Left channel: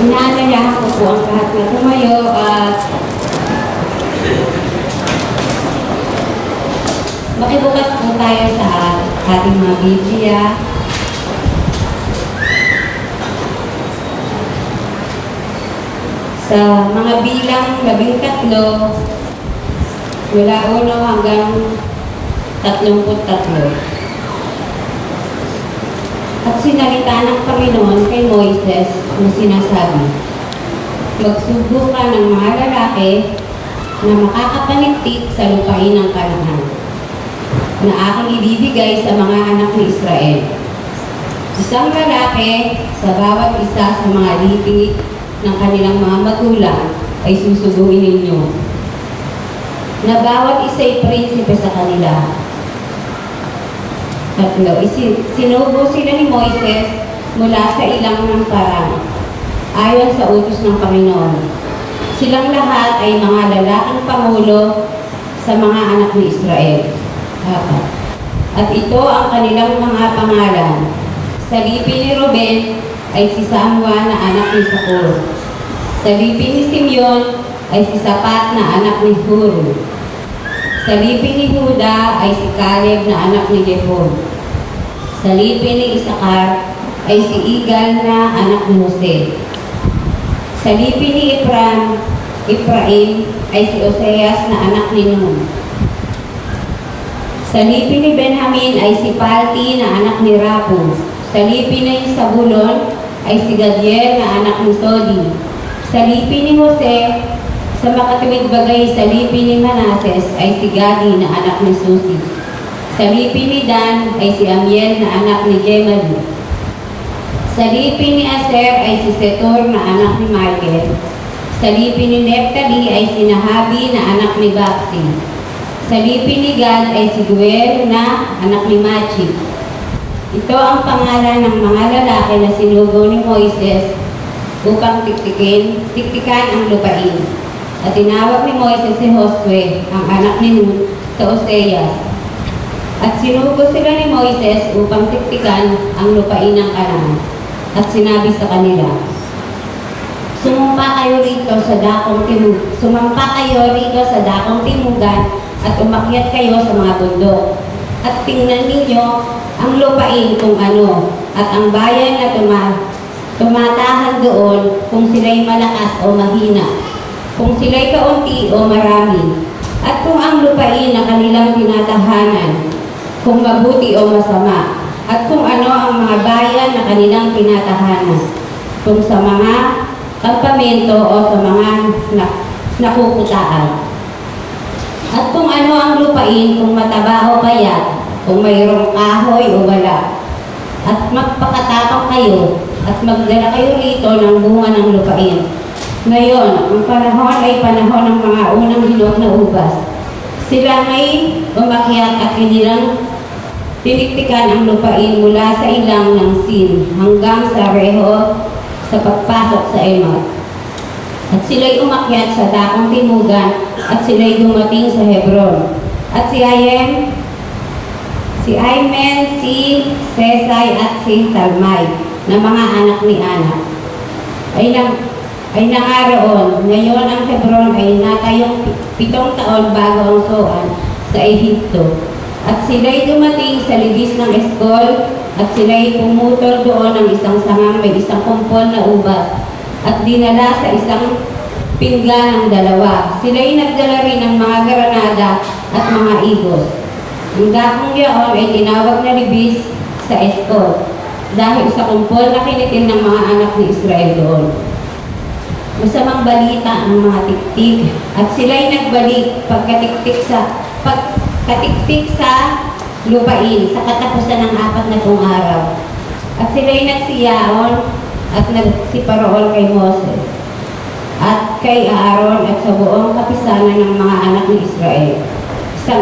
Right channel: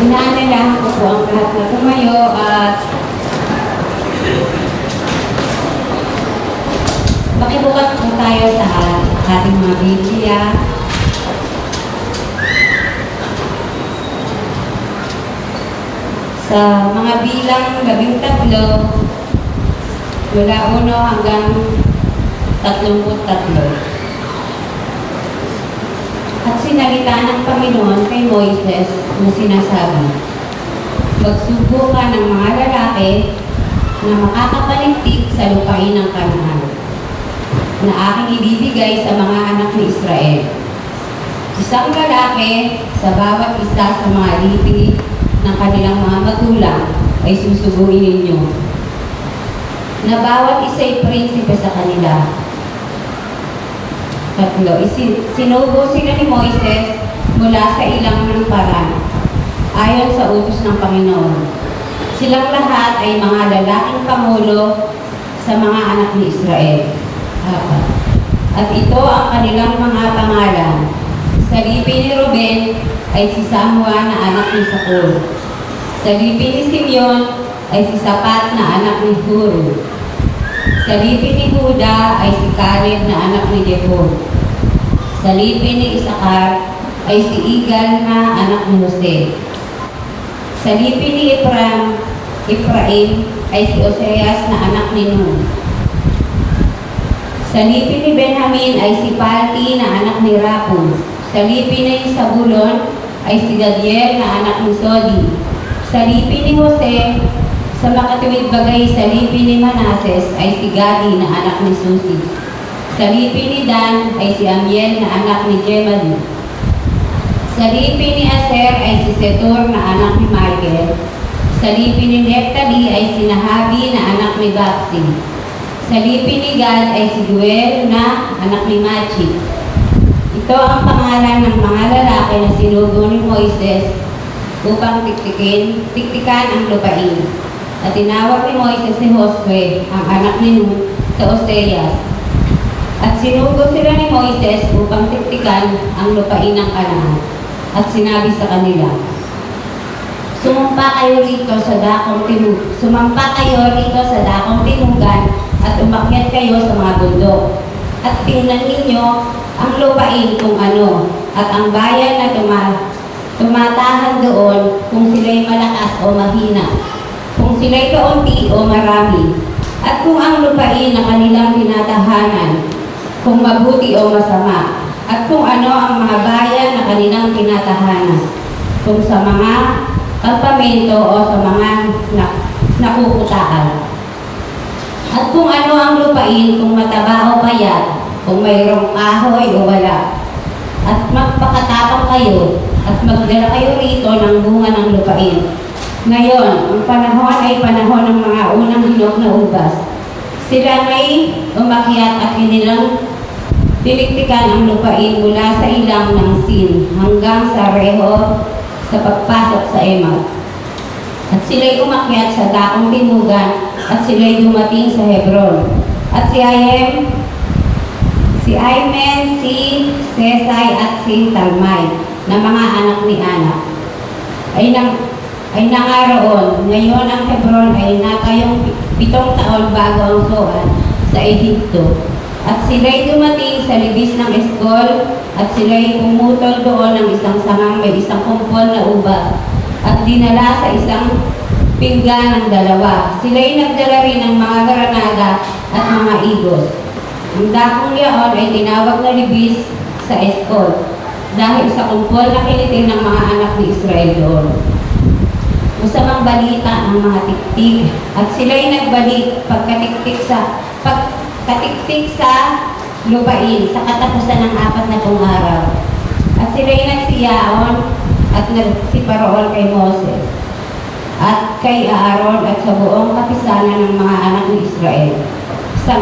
Inaanyayahan ko po ang lahat na tumayo at makibukas po tayo sa ating mga Biblia. Sa mga bilang 13, mula 1 hanggang 33. At sinalita ng Panginoon kay Moises na sinasabi, magsubo ka ng mga lalaki na makakapaligtik sa lupain ng Kanaan na aking ibibigay sa mga anak ni Israel. Isang lalaki sa bawat isa sa mga lipi ng kanilang mga magulang ay susubuin ninyo, na bawat isa ay prinsipe sa kanila. 3. Sinubo sila ni Moises mula sa ilang ng parang, ayon sa utos ng Panginoon. Silang lahat ay mga lalaking pangulo sa mga anak ni Israel. 4. At ito ang kanilang mga pangalan. Sa lipi ni Ruben ay si Samua na anak ni Sakur. Sa lipi ni Simeon ay si Sapat na anak ni Hur. Sa lipi ni Huda ay si Caleb na anak ni Jephon. Sa lipi ni Isakar ay si Igal na anak ni Jose. Sa lipi ni Ephraim ay si Oseas na anak ni Nun. Sa lipi ni Benjamin ay si Palti na anak ni Rapu. Sa lipi ni Zabulon ay si Gadiel na anak ni Sodi. Sa lipi ni Jose, sa makatuwid bagay sa lipi ni Manases ay si Gadi na anak ni Susi. Sa lipi ni Dan ay si Amiel na anak ni Jemali. Sa lipi ni Aser ay si Setor na anak ni Michael. Sa lipi ni Neftali ay si Nahabi na anak ni Bapsi. Sa lipi ni Gad ay si Guel na anak ni Machi. Ito ang pangalan ng mga lalaki na sinugo ni Moises upang tiktikan ang lupain. At tinawag ni Moises si Josue, ang anak ni Nun, sa Osea. At sinugo sila ni Moises upang tiktikan ang lupain ng Kanaan. At sinabi sa kanila, Sumampa kayo rito sa dakong tinugan at umakyat kayo sa mga bundok. At tingnan ninyo ang lupain kung ano, at ang bayan na tumatahan doon kung sila'y malakas o mahina, kung sila'y kaunti o marami, at kung ang lupain na kanilang tinatahanan, kung mabuti o masama, at kung ano ang mga bayan na kanilang tinatahanan, kung sa mga kampamento o sa mga nakukutaan. At kung ano ang lupain, kung mataba o payat, kung mayroong kahoy o wala. At magpakatapang kayo at magdala kayo rito ng bunga ng lupain. Ngayon, ang panahon ay panahon ng mga unang hinog na ubas. Sila may umakyat at kanilang tiniktikan ang lupain mula sa ilang ng Sin hanggang sa Reho sa pagpasok sa Emat. At sila'y umakyat sa dakong tinugan at sila'y dumating sa Hebron. At si Aymen, si Sesay at si Talmay na mga anak ni Anak ay nangaroon. Ngayon ang Hebron ay natayong 7 taon bago ang Soan sa Ehipto. At sila'y dumating sa libis ng Eskol at sila'y pumutol doon ng isang sangang may isang kumpol na ubas at dinala sa isang pinggan ng 2. Sila'y nagdala rin ng mga granada at mga igos. Ang dakong yaon ay tinawag na libis sa Eskol dahil sa kumpol na kinitin ng mga anak ni Israel doon. Masamang balita ng mga tiktik at sila'y nagbalik pagkatiktik sa lupain sa katapusan ng 40 araw. At sila'y nagsiyaon at nagsiparool kay Moses at kay Aaron at sa buong kapisanan ng mga anak ni Israel sa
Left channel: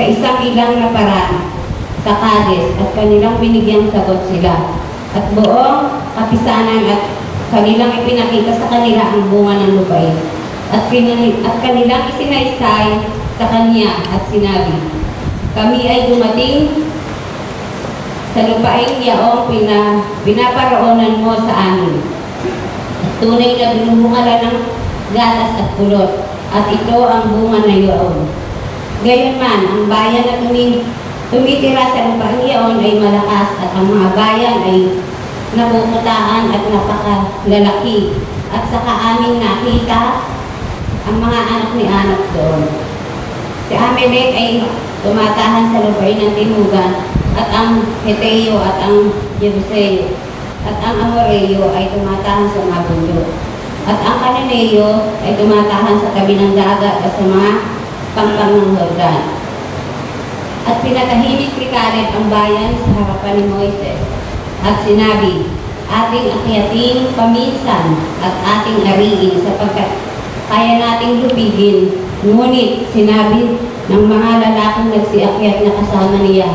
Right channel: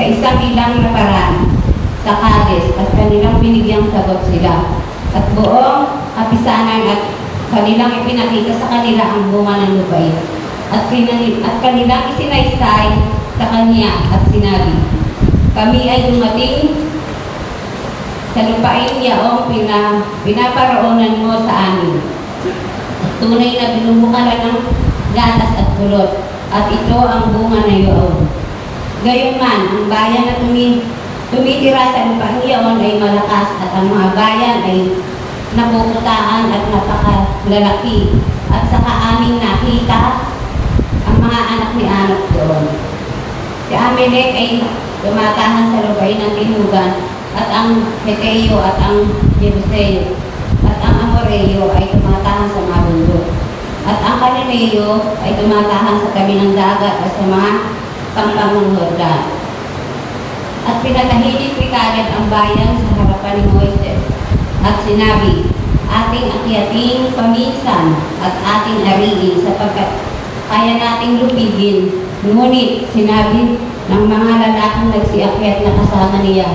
isang ilang na paraan sa Kades, at kanilang binigyang sagot sila at buong kapisanan at kanilang ipinakita sa kanila ang bunga ng lupain at kanilang isinaysay sa kanya at sinabi, kami ay dumating sa lupain yaong pinaparoonan mo sa amin. Tunay na binubukalan ng gatas at kulot, at ito ang bunga na iyon. Gayunman, ang bayan na tumitira sa lupang iyon ay malakas, at ang mga bayan ay napuputaan at napakalalaki. At saka aming nakita ang mga anak ni Anak doon. Si Amalek ay tumatahan sa lupain ng Tinugan, at ang Heteo at ang Jebuseo at ang Amoreo ay tumatahan sa mga bundok. At ang Cananeo ay tumatahan sa tabi ng dagat at sa mga pangpang ng Jordan. At pinatahimik ni Caleb ang bayan sa harapan ni Moises. At sinabi, ating akyating paminsan at ating ariin sapagkat kaya nating lupigin. Ngunit sinabi ng mga lalaking nagsiakyat na kasama niya,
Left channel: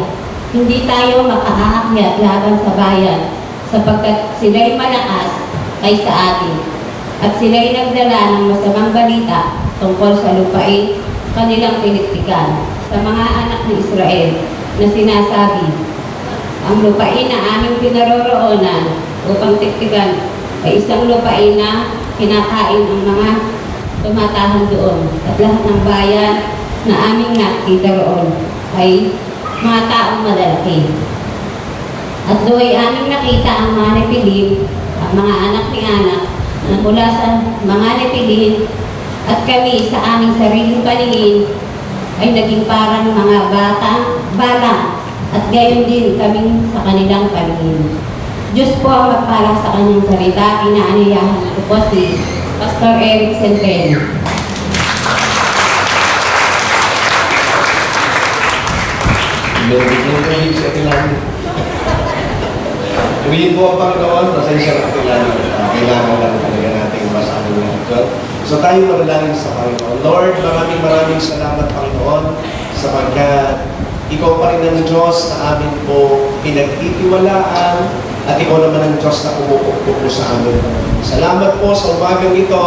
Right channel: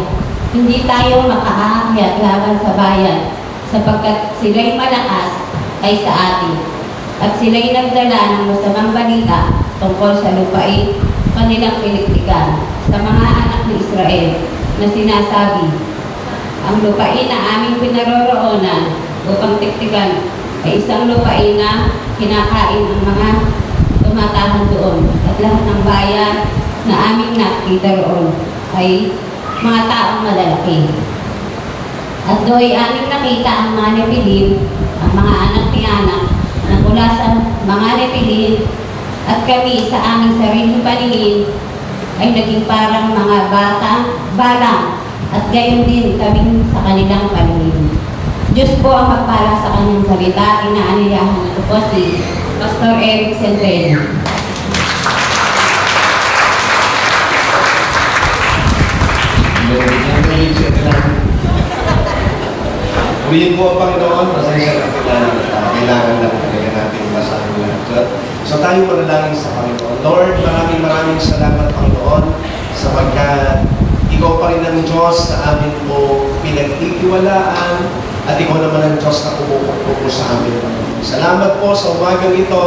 hindi tayo makaakyat laban sa bayan sapagkat sila'y malakas ay sa atin. At sila'y nagdala ng masamang balita tungkol sa lupain kanilang piniktikan sa mga anak ni Israel na sinasabi, ang lupain na aming pinaroroonan upang tiktikan ay isang lupain na kinakain ang mga tumatahan doon, at lahat ng bayan na aming nakita roon ay mga taong malalaki. At do'y aming nakita ang mga Nepilim, ang mga anak ni Anak, na mula sa mga Nepilim, at kami sa aming sariling paningin ay naging parang mga balang, at gayon din kami sa kanilang paningin. Diyos po ang magpala sa kanyang salita. Inaanayahan ko po si Pastor Eric Centeno. Purihin po ang Panginoon, pasensya na kailangan lang talaga natin masahin lahat. So tayo manalangin sa Panginoon. Lord, maraming salamat Panginoon sapagkat ikaw pa rin ang Diyos na amin mo pinagtitiwalaan at ikaw naman ang Diyos na pumupukpok mo sa amin. Salamat po sa umagang ito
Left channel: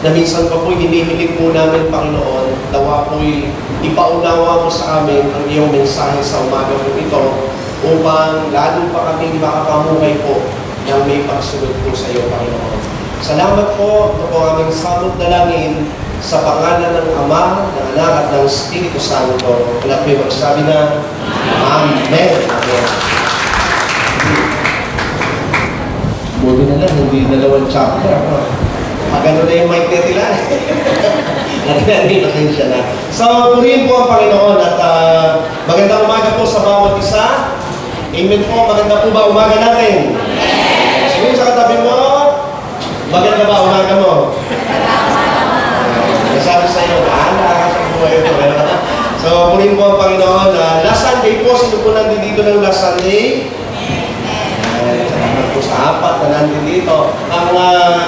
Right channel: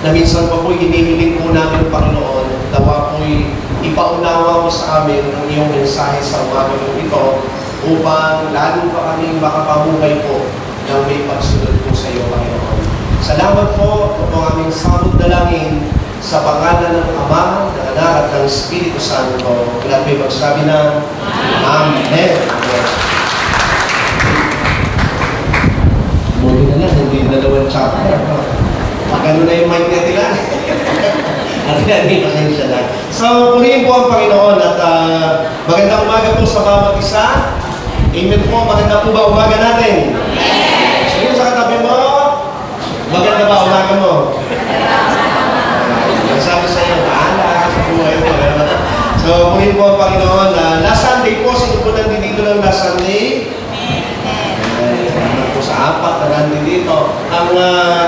na minsan pa po'y hinihiling po namin, Panginoon, dawa po'y ipaunawa mo sa amin ang iyong mensahe sa umagang ito upang lalo pa kaming makapamuhay po na may pagsunod po sa iyo, Panginoon. Salamat po ito ang aming sabot dalangin sa pangalan ng Ama, ng Anak at ng Espiritu Santo. Wala kayo magsabi na Amen. Amen. Buti na lang, hindi dalawang chapter. Magano na yung mic na tila. Hindi pasensya na. So, purihin po ang Panginoon at magandang umaga po sa bawat isa. Amen po. Maganda po ba umaga natin? Amen. So, yun sa katabi mo, maganda ba umaga mo? Sabi sa iyo, nakaka sa buhay mo. So, purihin po ang Panginoon. Last Sunday po, sino po nandito ng last Sunday? Salamat po sa apat na nandito dito. Ang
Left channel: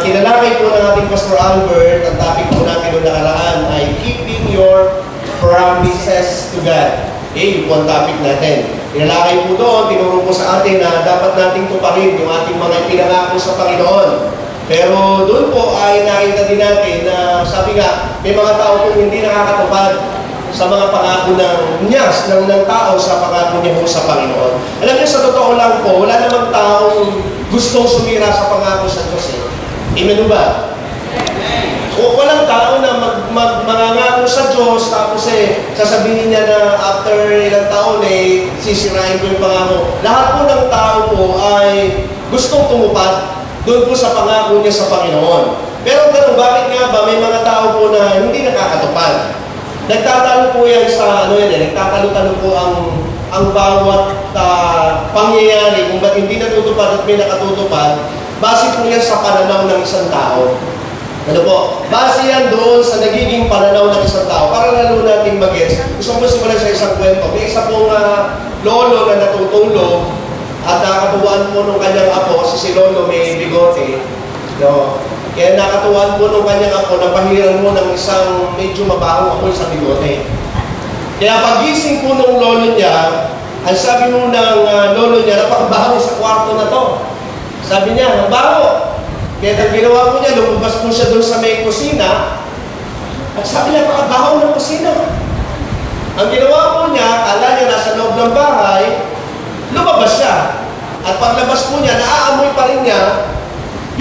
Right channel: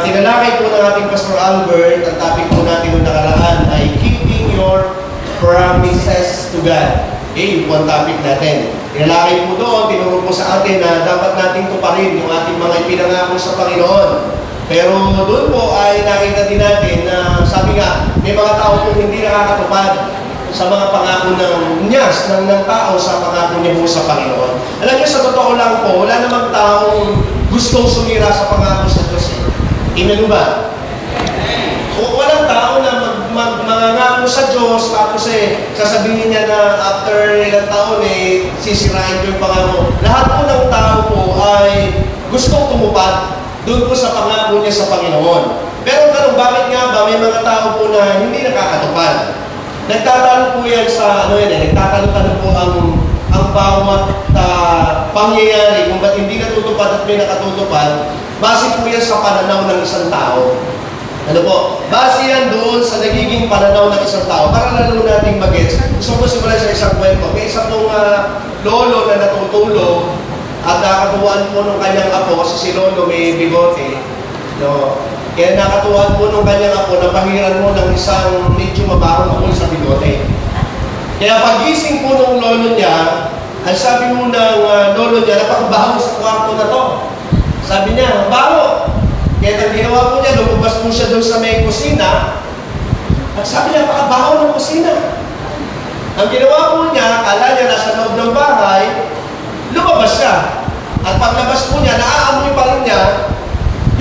tinalakay po ng ating Pastor Albert, ang topic po natin noong nakaraan ay keeping your promises to God. Yun po ang topic natin. Tinalakay po doon, tinuro po sa atin na dapat nating tuparin yung ating mga ipinangako sa Panginoon. Pero doon po ay nakita din natin na sabi nga, may mga tao po hindi nakakatupad sa mga pangako ng tao sa pangako niya po sa Panginoon. Alam niyo, sa totoo lang po, wala namang taong gustong sumira sa pangako sa Diyos. Amen ba? O walang tao na mangangako sa Diyos, tapos sasabihin niya na after ilang taon sisirain ko yung pangako. Lahat po ng tao po ay gustong tumupad doon po sa pangako niya sa Panginoon. Pero bakit nga ba may mga tao po na hindi nakakatupad? Nagtatalo po yan sa, nagtatalo-talo po ang bawat pangyayari kung ba't hindi natutupad at may nakatutupad, base po yan sa pananaw ng isang tao. Ano po? Base yan doon sa nagiging pananaw ng isang tao. Para lalo natin mag-gets. Gusto ko simulan sa isang kwento. May isa pong lolo na natutulog at nakatuwaan po ng kanyang apo kasi si lolo may bigote. No? Kaya nakatuwaan po ng kanyang apo na pahiran mo ng isang medyo mabahong apo sa bigote. Kaya pagising po ng lolo niya, ang sabi mo ng lolo niya, napakabaho sa kwarto na to. Sabi niya, ang baho. Kaya ang ginawa po niya, lumabas po siya doon sa may kusina. At sabi niya, napakabaho ng kusina. Ang ginawa po niya, kala niya nasa loob ng bahay, lumabas siya. At paglabas po niya, naaamoy pa rin niya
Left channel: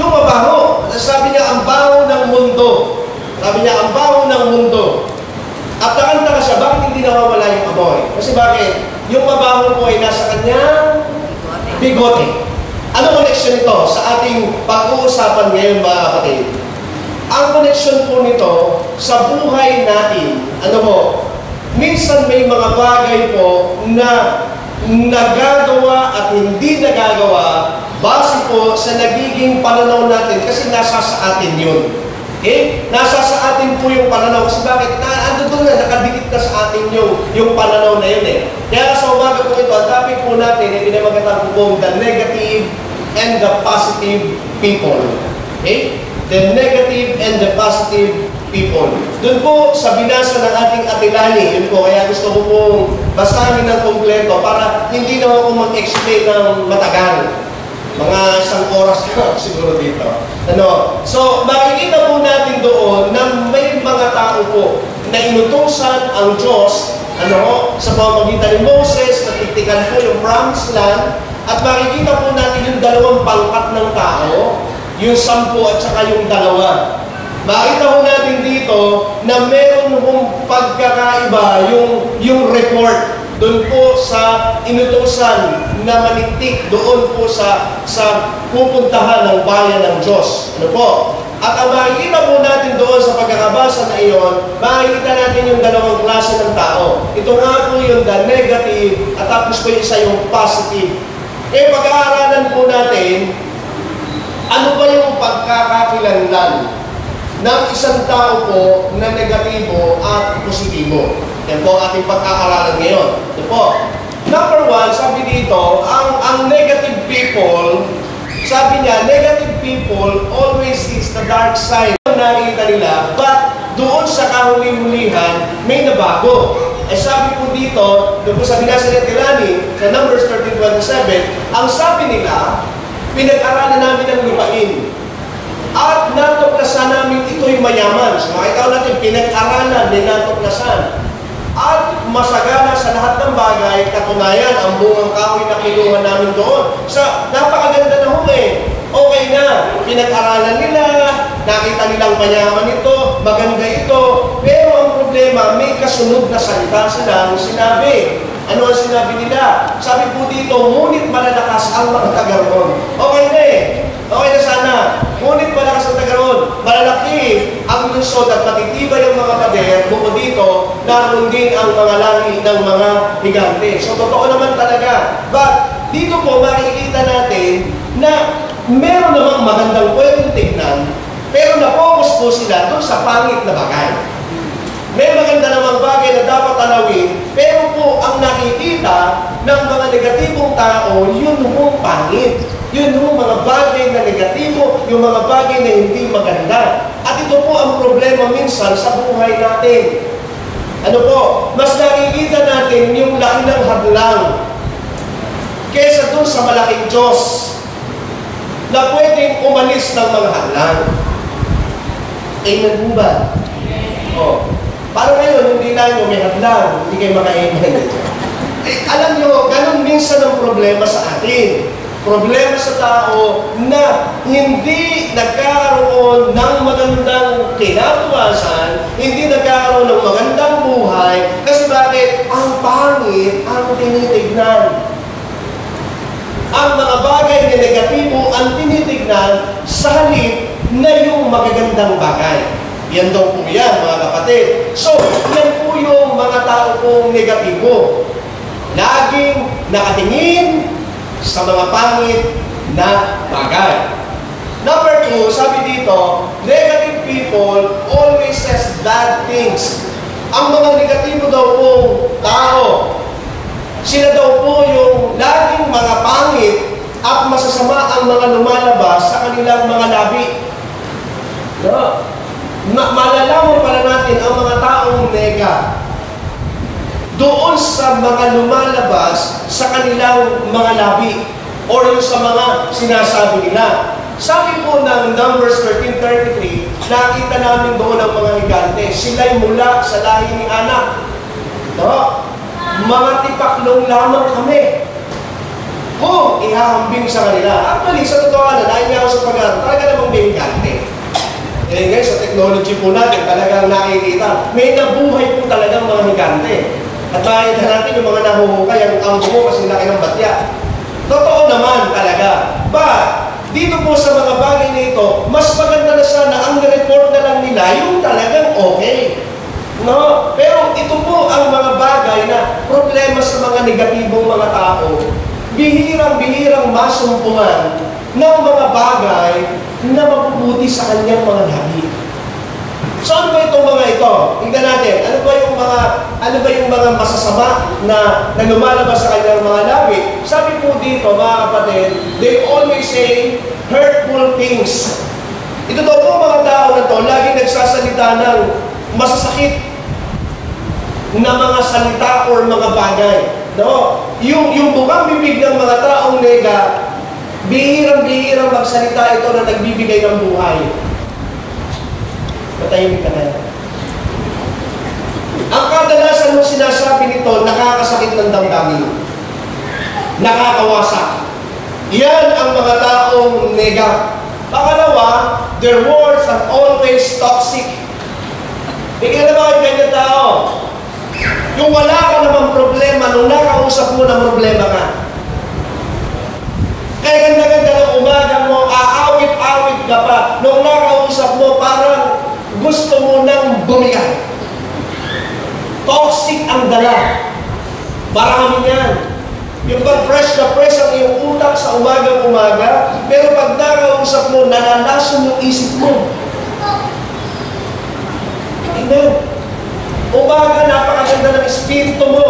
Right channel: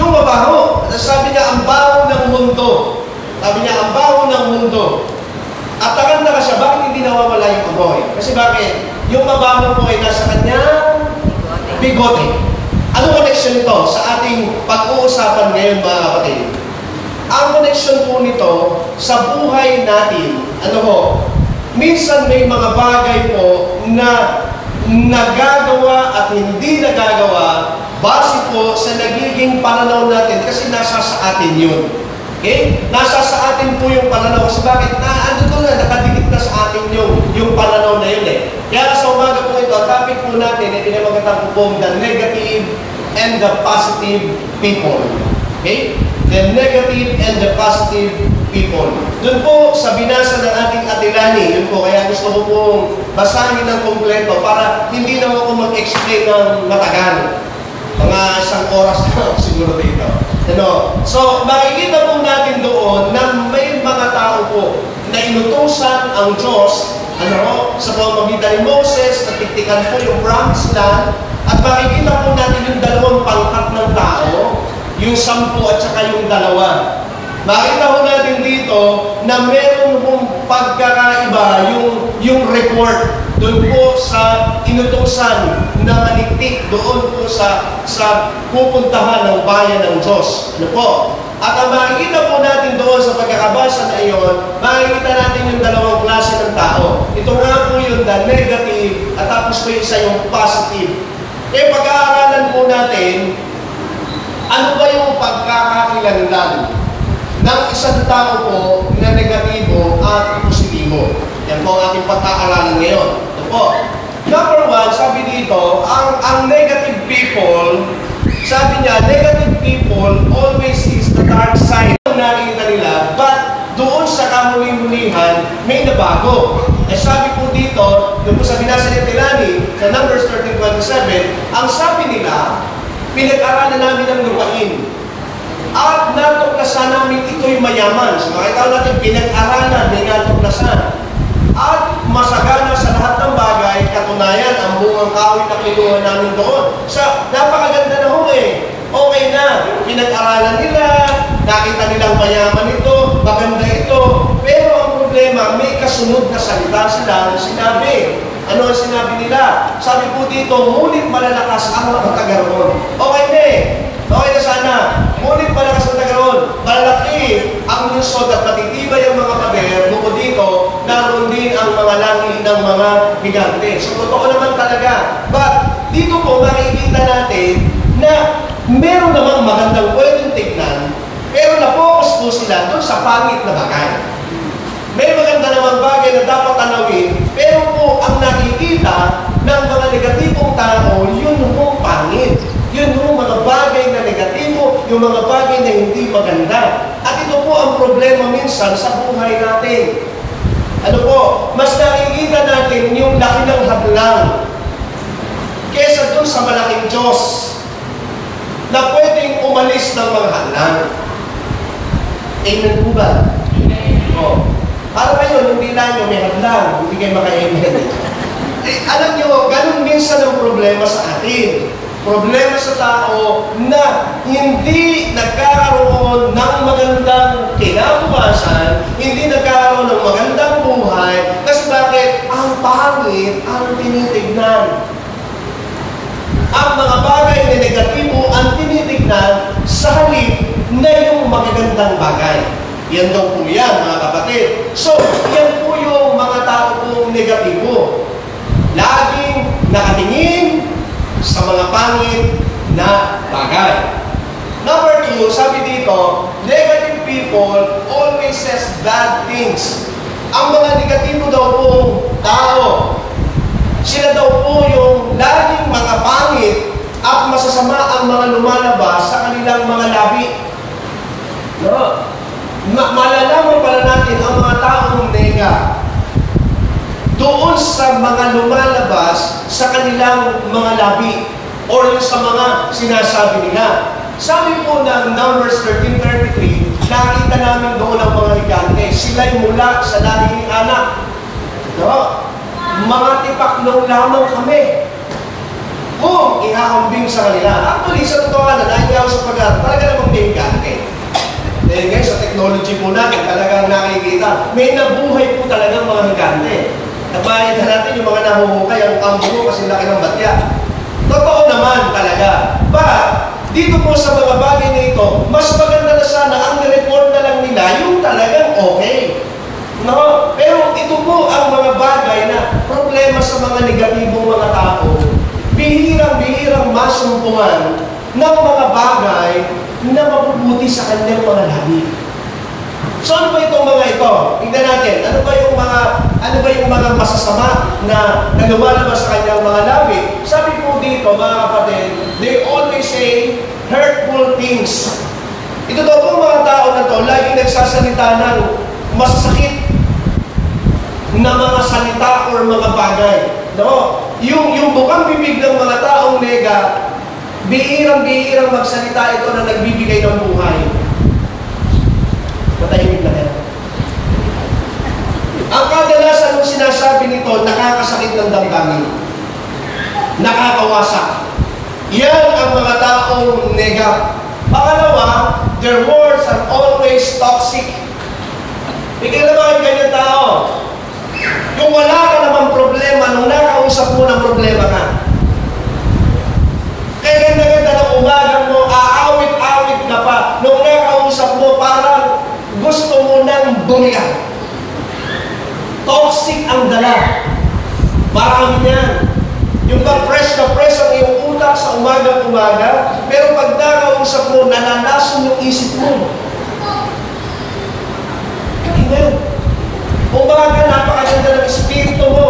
Yung mabaho. Sabi niya, ang baho ng mundo. Sabi niya, ang baho ng mundo. At nakanta ka siya, bakit hindi nawawala yung amoy? Kasi bakit? Yung mabaho po ay nasa kanyang bigote. Ano connection nito sa ating pag-uusapan ngayon, mga kapatid? Ang connection po nito sa buhay natin, ano po, minsan may mga bagay po na nagagawa at hindi nagagawa base po sa nagiging pananaw natin kasi nasa sa atin yun. Okay? Nasa sa atin po yung pananaw. Kasi bakit? Ando doon na, nakadikit na sa atin yung pananaw na yun eh. Kaya sa umaga po ito, ang topic po natin ay pinamagatan po the negative and the positive people. Okay? The negative and the positive people. Doon po sa binasa ng ating Atilani, yun po, kaya gusto ko pong basahin ng kompleto para hindi na ako mag-explain ng matagal. Mga isang oras na siguro dito. Ano? So, makikita po natin doon na may mga tao po na inutusan ang Diyos, ano, sa pamamagitan ni Moses, natiktikan po yung promised land, at makikita po natin yung dalawang pangkat ng tao, yung 10 at saka yung 2. Makita po natin dito na meron pong pagkakaiba yung report doon po sa inutusan na maniktik doon po sa pupuntahan ng bayan ng Diyos. Ano po? At ang makikita po natin doon sa pagkakabasa na iyon, makikita natin yung dalawang klase ng tao. Ito nga po yung the negative at tapos po yung isa yung positive. Kaya pag-aaralan po natin, ano ba yung pagkakakilanlan ng isang tao po na negatibo at positibo? Yan po ang ating pagkakaaralan ngayon. Ito po. Number 1, sabi dito, ang negative people, sabi niya, negative people always seeks the dark side. Nakikita nila, but doon sa kahuli-hulihan, may nabago. Eh sabi po dito, doon po sa binasa ni Atilani, sa Numbers 13:27, ang sabi nila, pinag-aralan namin ang lupain. At natuklasan namin ito'y mayaman. So makita natin, pinag-aralan, may natuklasan. At masagana sa lahat ng bagay, katunayan, ang bungang kahoy na kinuha namin doon. Sa napakaganda na huli. Okay na, pinag-aralan nila, nakita nilang mayaman ito, maganda ito. Pero ang problema, may kasunod na salita sila ang sinabi. Ano ang sinabi nila? Sabi po dito, ngunit malalakas ang mga taga-roon. Okay na eh. Okay na sana. Ngunit malakas ang taga-roon. Malalaki ang lungsod at matitibay ang mga pader. Bukod dito, naroon din ang mga langit ng mga higante. So, totoo naman talaga. But, dito po, makikita natin na meron namang magandang pwedeng tignan, pero na-focus po sila doon sa pangit na bagay. May maganda namang bagay na dapat tanawin, pero po ang nakikita ng mga negatibong tao, yun po pangit. Yun po mga bagay na negatibo, yung mga bagay na hindi maganda. At ito po ang problema minsan sa buhay natin. Ano po? Mas nakikita natin yung laki ng hadlang kesa dun sa malaking Diyos na pwedeng umalis ng mga hadlang. Amen po ba? Oh. Para ngayon, hindi lang nyo may hadlang, hindi kayo maka-amen. Alam nyo, ganun minsan ang problema sa atin. Problema sa tao na hindi nagkakaroon ng magandang kinabukasan, hindi nagkakaroon ng magandang buhay, kasi bakit? Ang pangit ang tinitignan. Ang mga bagay na negatibo ang tinitignan sa halip na yung magagandang bagay. Yan daw po yan, mga kapatid. So, yan po yung mga tao pong negatibo. Laging nakatingin sa mga pangit na bagay. Number 2, sabi dito, negative people always says bad things. Ang mga negatibo daw pong tao, sila daw po yung laging mga pangit at masasama ang mga lumalabas sa kanilang mga labi. No? Malalaman pala natin ang mga taong nega doon sa mga lumalabas sa kanilang mga labi o yung sa mga sinasabi nila. Sabi po ng Numbers 13:33, nakita namin doon ang mga higante. Sila'y mula sa lahi ni Anak. No? Mga tipaklong lamang kami kung ihahambing sa kanila. Actually, sa totoo na, nahiya ako sa pag-aaral. Talaga namang history po natin, talagang nakikita, may nabuhay po talagang mga higante. At makikita natin yung mga nahuhukay, ang buho kasi laki ng batya. Totoo naman talaga. But, dito po sa mga bagay nito, mas maganda na sana ang report na lang nila yung talagang okay. No? Pero ito po ang mga bagay na problema sa mga negatibong mga tao. Bihirang-bihirang masumpungan ng mga bagay na mabubuti sa kanyang mga labi. So ano ba itong mga ito? Tingnan natin, ano ba yung mga masasama na lumalabas sa kanyang mga labi? Sabi po dito, mga kapatid, they always say hurtful things. Ito daw pong mga tao na to, laging nagsasalita ng masasakit na mga salita or mga bagay. No? Yung bukang bibig ng mga taong nega, bihirang-bihirang magsalita ito na nagbibigay ng buhay. Matahimik ka na. Ang kadalasan mong sinasabi nito, nakakasakit ng damdamin. Nakakawasak. Yan ang mga taong nega. Pangalawa, their words are always toxic. Bigyan na ba kayo ganyan tao? Yung wala ka namang problema, nung nakausap mo ng problema ka. Kaya ganda-ganda ng umaga mo, aawit-awit ka pa. Nung nakausap mo, parang gusto mo nang bumiyak. Toxic ang dala. Marami yan. Yung pag fresh na fresh ang iyong utak sa umaga-umaga, pero pag nakausap mo, nananason yung isip mo. Amen. Umaga, napakaganda ng espiritu mo.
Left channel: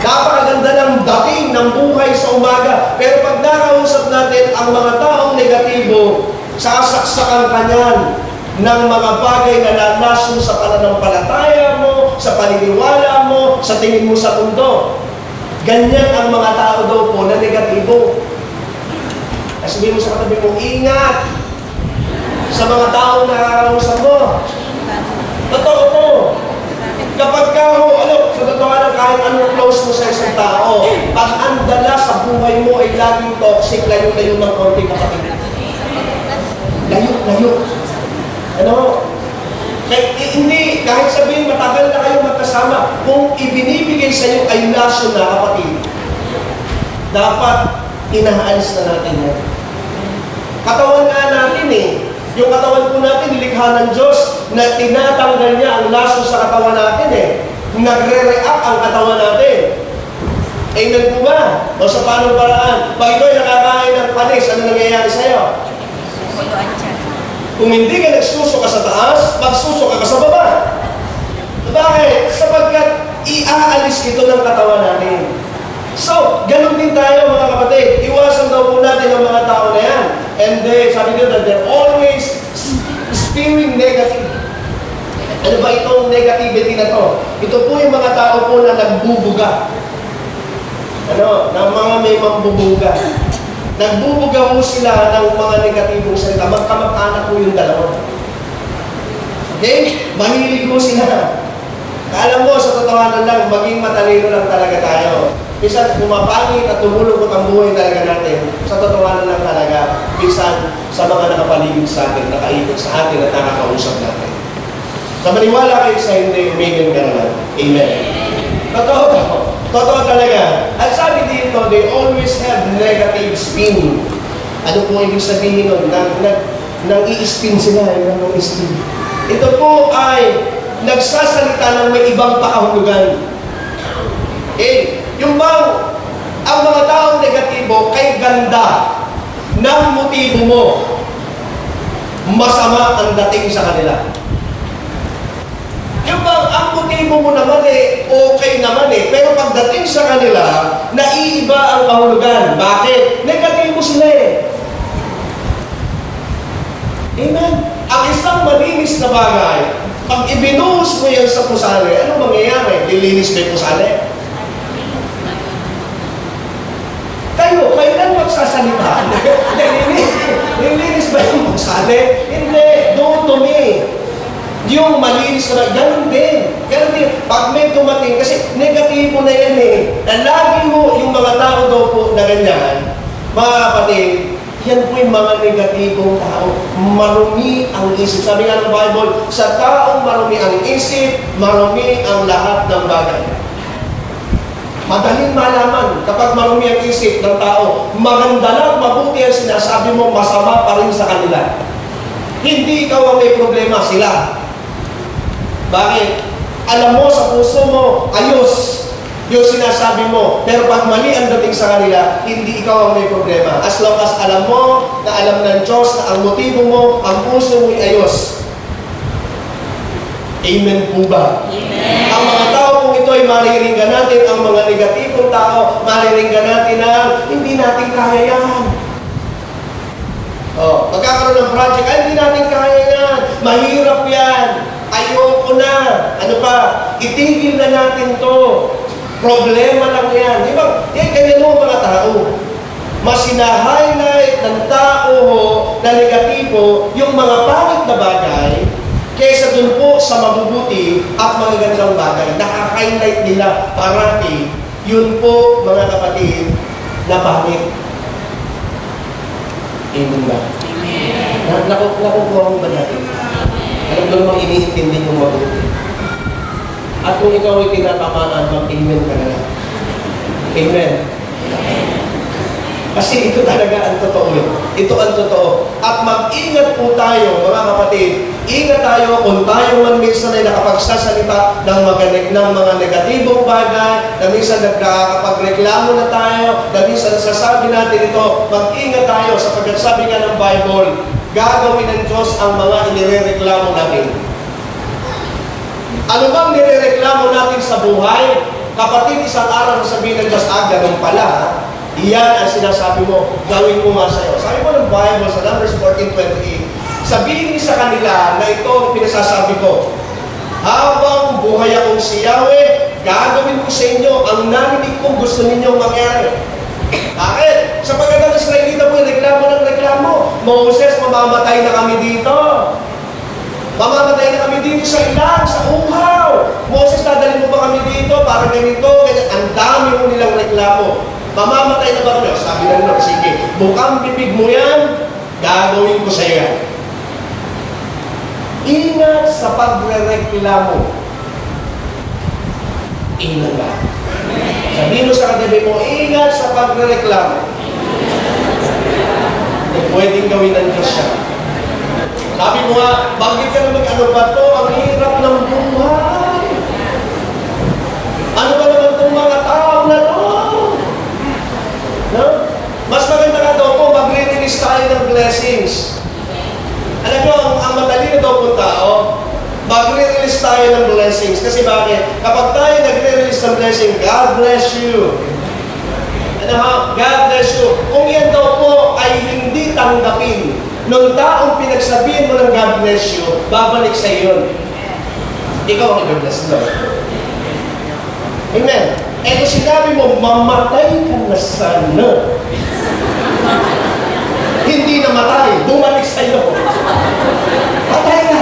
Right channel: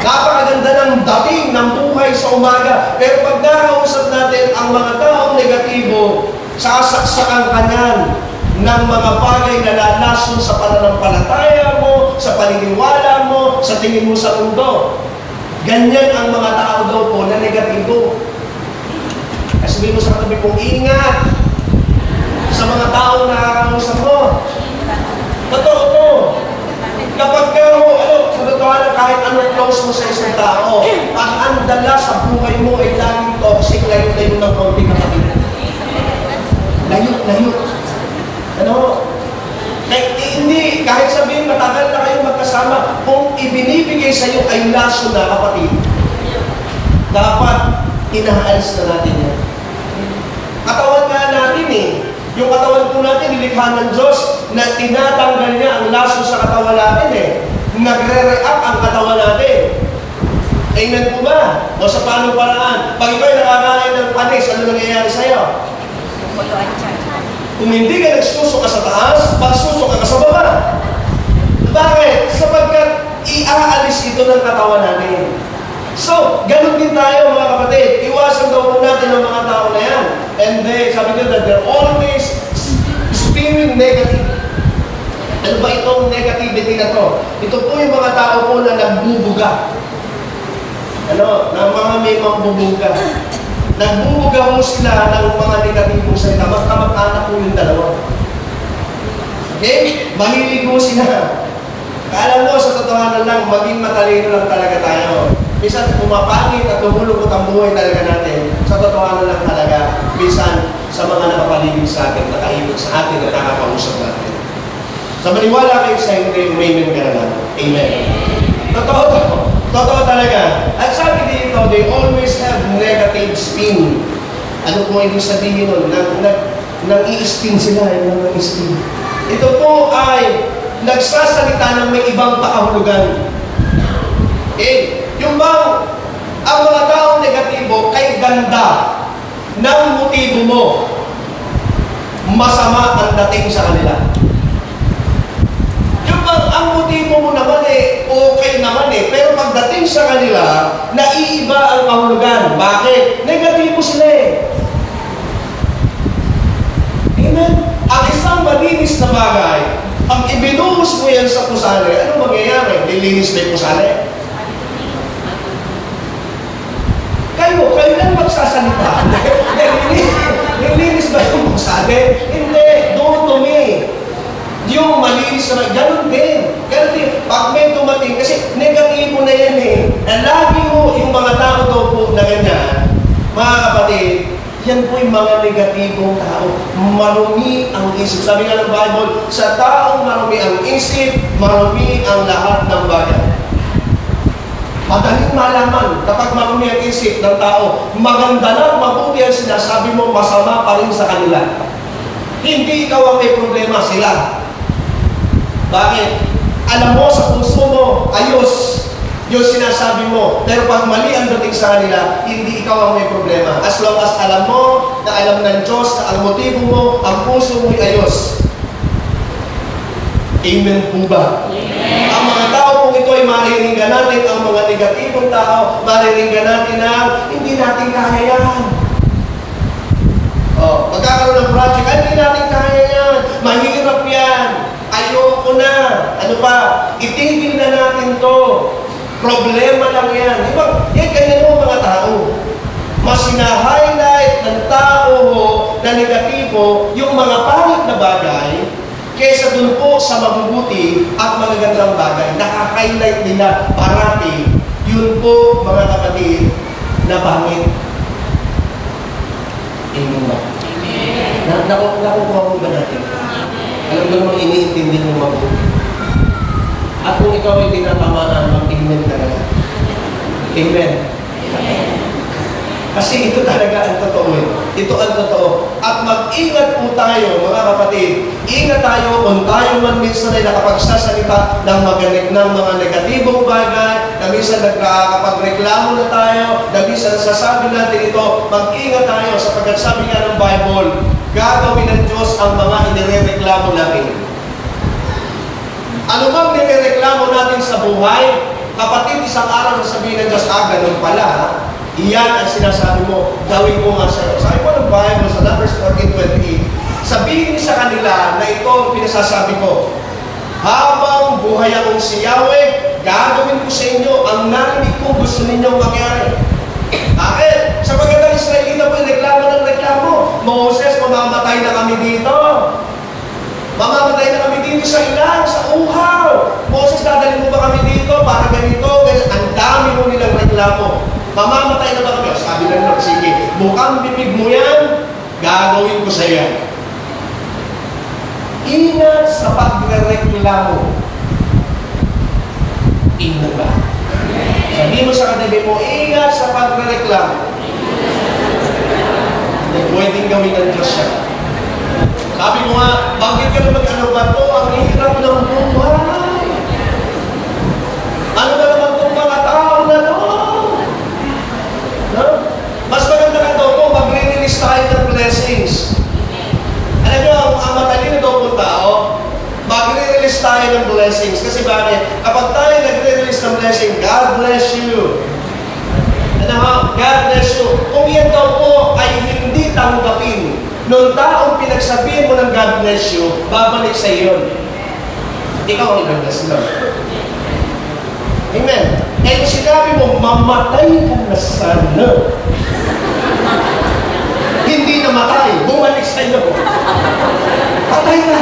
Napakaganda ng dating ng buhay sa umaga. Pero pag nakausap natin ang mga taong negatibo, sasaksakan ka niyan ng mga bagay na lalason sa pananampalataya mo, sa paniniwala mo, sa tingin mo sa mundo. Ganyan ang mga tao daw po na negatibo. Kasi sabihin mo sa katabi mong ingat sa mga taong nakakausap mo. Totoo to. Kapag ka mo, sa totoo na kahit anong close mo sa isang tao, pag ang dala sa buhay mo ay laging toxic, layo-layo ng konti kapatid. Layo. Kahit sabihin matagal na kayo magkasama, kung ibinibigay sa iyo ay laso na kapatid, dapat inaalis na natin yan. Katawan nga natin yung katawan po natin, nilikha ng Diyos na tinatanggal niya ang laso sa katawan natin Nagre-react ang katawan natin. Amen po ba? O sa paano paraan? Pag ikaw ay nakakain ng panis, ano nangyayari sa'yo? Kung hindi ka nagsusuka sa taas, pagsusuka ka sa baba. Bakit? Sapagkat iaalis ito ng katawan natin. So, ganun din tayo mga kapatid. Iwasan daw po natin ang mga tao na yan. And sabi nyo that they're always spewing negative. Ano ba itong negativity na to? Ito po yung mga tao po na nagbubuga. Na mga may mambubuga. Nagbubuga po sila ng mga negatibong salita. Magkamag-anak po yung dalawa. Okay? Mahilig po sila. Alam mo, sa totohanan lang, maging matalino lang talaga tayo. Bisan pumapangit at tumulong ang buhay talaga natin. Sa totohanan lang talaga, bisan sa mga nakapaligid sa atin, nakaibig sa atin at nakakausap natin. Sa maniwala kayo sa hindi, amen ka na lang. Amen. Totoo talaga. At sabi dito, they always have negative spin. Ano po ibig sabihin nun? Nang-i-spin sila, nang-i-spin. Ito po ay nagsasalita ng may ibang pakahulugan. Yung bang ang mga taong negatibo kay ganda ng motibo mo, masama ang dating sa kanila. Yung bang ang motibo mo naman okay naman pero pagdating sa kanila, naiiba ang kahulugan. Bakit? Negatibo sila Amen? Ang isang malinis na bagay, pag ibinuhos mo yan sa pusali, ano mangyayari? Lilinis ba yung pusali? Kailan magsasalita? Nilinis ba yung pusali? Hindi. Don't to me. Yung malinis na ganun din. Pag may dumating, kasi negatibo na yan Na lagi mo yung mga tao daw po na ganyan, mga kapatid, Yan po yung mga negatibong tao. Marumi ang isip. Sabi nga ng Bible, sa taong marumi ang isip, marumi ang lahat ng bagay. Madaling malaman kapag marumi ang isip ng tao, maganda na mabuti ang sinasabi mo, masama pa rin sa kanila. Hindi ikaw ang may problema, sila. Bakit? Alam mo sa puso mo, ayos yung sinasabi mo. Pero pag mali ang dating sa kanila, hindi ikaw ang may problema. As long as alam mo, na alam ng Diyos, na ang motibo mo, ang puso mo'y ayos. Amen po ba? Amen. Ang mga tao kung ito ay mariringgan natin, ang mga negatibong tao, mariringgan natin na hindi natin kaya yan. Magkakaroon ng project, hindi natin kaya yan. Mahirap yan. Ayoko na. Ano pa? Itigil na natin to. Problema lang yan. Di ba? Ganyan mo mga tao. Mas sina-highlight ng tao na negatibo yung mga pangit na bagay kaysa dun po sa mabubuti at magagandang bagay. Naka-highlight nila parati. Yun po, mga kapatid, na pangit. Amen ba? Amen. Nakukuha mo ba natin? Alam mo namang iniintindi mong mabuti. At kung ikaw ay tinatamaan, mag-amen talaga. Amen. Kasi ito talaga ang totoo. Ito ang totoo. At mag-ingat po tayo, mga kapatid. Ingat tayo kung tayo man minsan ay nakapagsasalita ng mga negatibong bagay, na minsan nakapagreklamo na tayo, na minsan nasasabi natin ito, mag-ingat tayo sapagkat sabi nga ng Bible, gagawin ng Diyos ang mga inirereklamo natin. Ano bang nirereklamo natin sa buhay? Kapatid, isang araw sasabihin ng Diyos, ganun pala, ha? Iyan ang sinasabi mo, gawin ko nga sa'yo. Sabi mo ng Bible sa Numbers 14:28, sabihin niyo sa kanila na ito ang pinasasabi ko, habang buhay akong si Yahweh, gagawin ko sa inyo ang narinig kong gusto ninyong mangyari. Bakit? Sapagkat ang Israelita po, reklamo ng reklamo. Moses, mamamatay na kami dito. Mamamatay na kami dito sa ilang, sa uhaw. Moses, dadalhin mo ba kami dito para ganito, ganyan. Ang dami mo nilang reklamo. Mamamatay na ba kami? Sabi lang Lord, sige, bukang bibig mo yan, gagawin ko sa iyo. Ingat sa pagre-reklamo. Ingat ba? Sabihin mo sa katabi mo, ingat sa pagre-reklamo. Pwedeng gawin ng Diyos siya. Sabi mo nga, banggit ka naman, ano ba ito? Ang hirap ng buhay. Ano ba naman itong mga tao na ito? No? Mas maganda na ito kung mag-release tayo ng blessings. Alam mo, ang matalino daw po tao, mag-release tayo ng blessings. Kasi bakit? Kapag tayo nag-release ng blessing, God bless you. Ano ha? God bless you. Kung yan daw po ay hindi tanggapin, nung taong pinagsabihin mo ng God bless you, babalik sa iyo. Ikaw ang i-bless Lord. Amen. Eh kung sinabi mo, mamatay ka na sana. Hindi namatay, bumalik sa iyo. Patay na.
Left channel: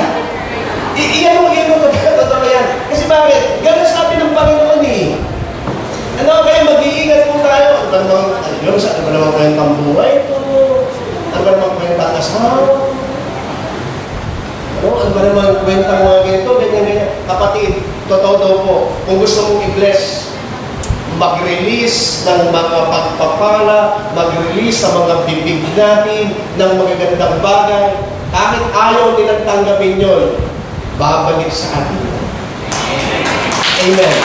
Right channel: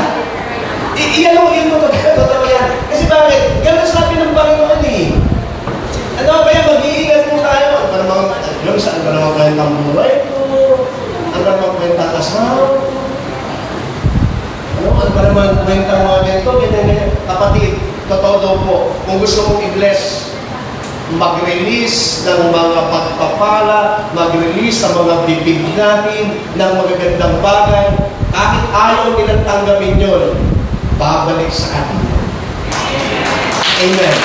Iyan mo, totoo yan. Kasi bakit? Ganun sabi ng Panginoon eh. Ano kaya mag-iingat po tayo? Ano namang kwentang buhay ko? Ano namang kwentang asawa? Ano ba naman kwentang mga ganito? Ganyan. Kapatid, totoo daw po, kung gusto mong i-bless, mag-release ng mga pagpapala, mag-release sa mga bibig natin ng magagandang bagay, kahit ayaw nilang tanggapin yun, babalik sa atin. Amen.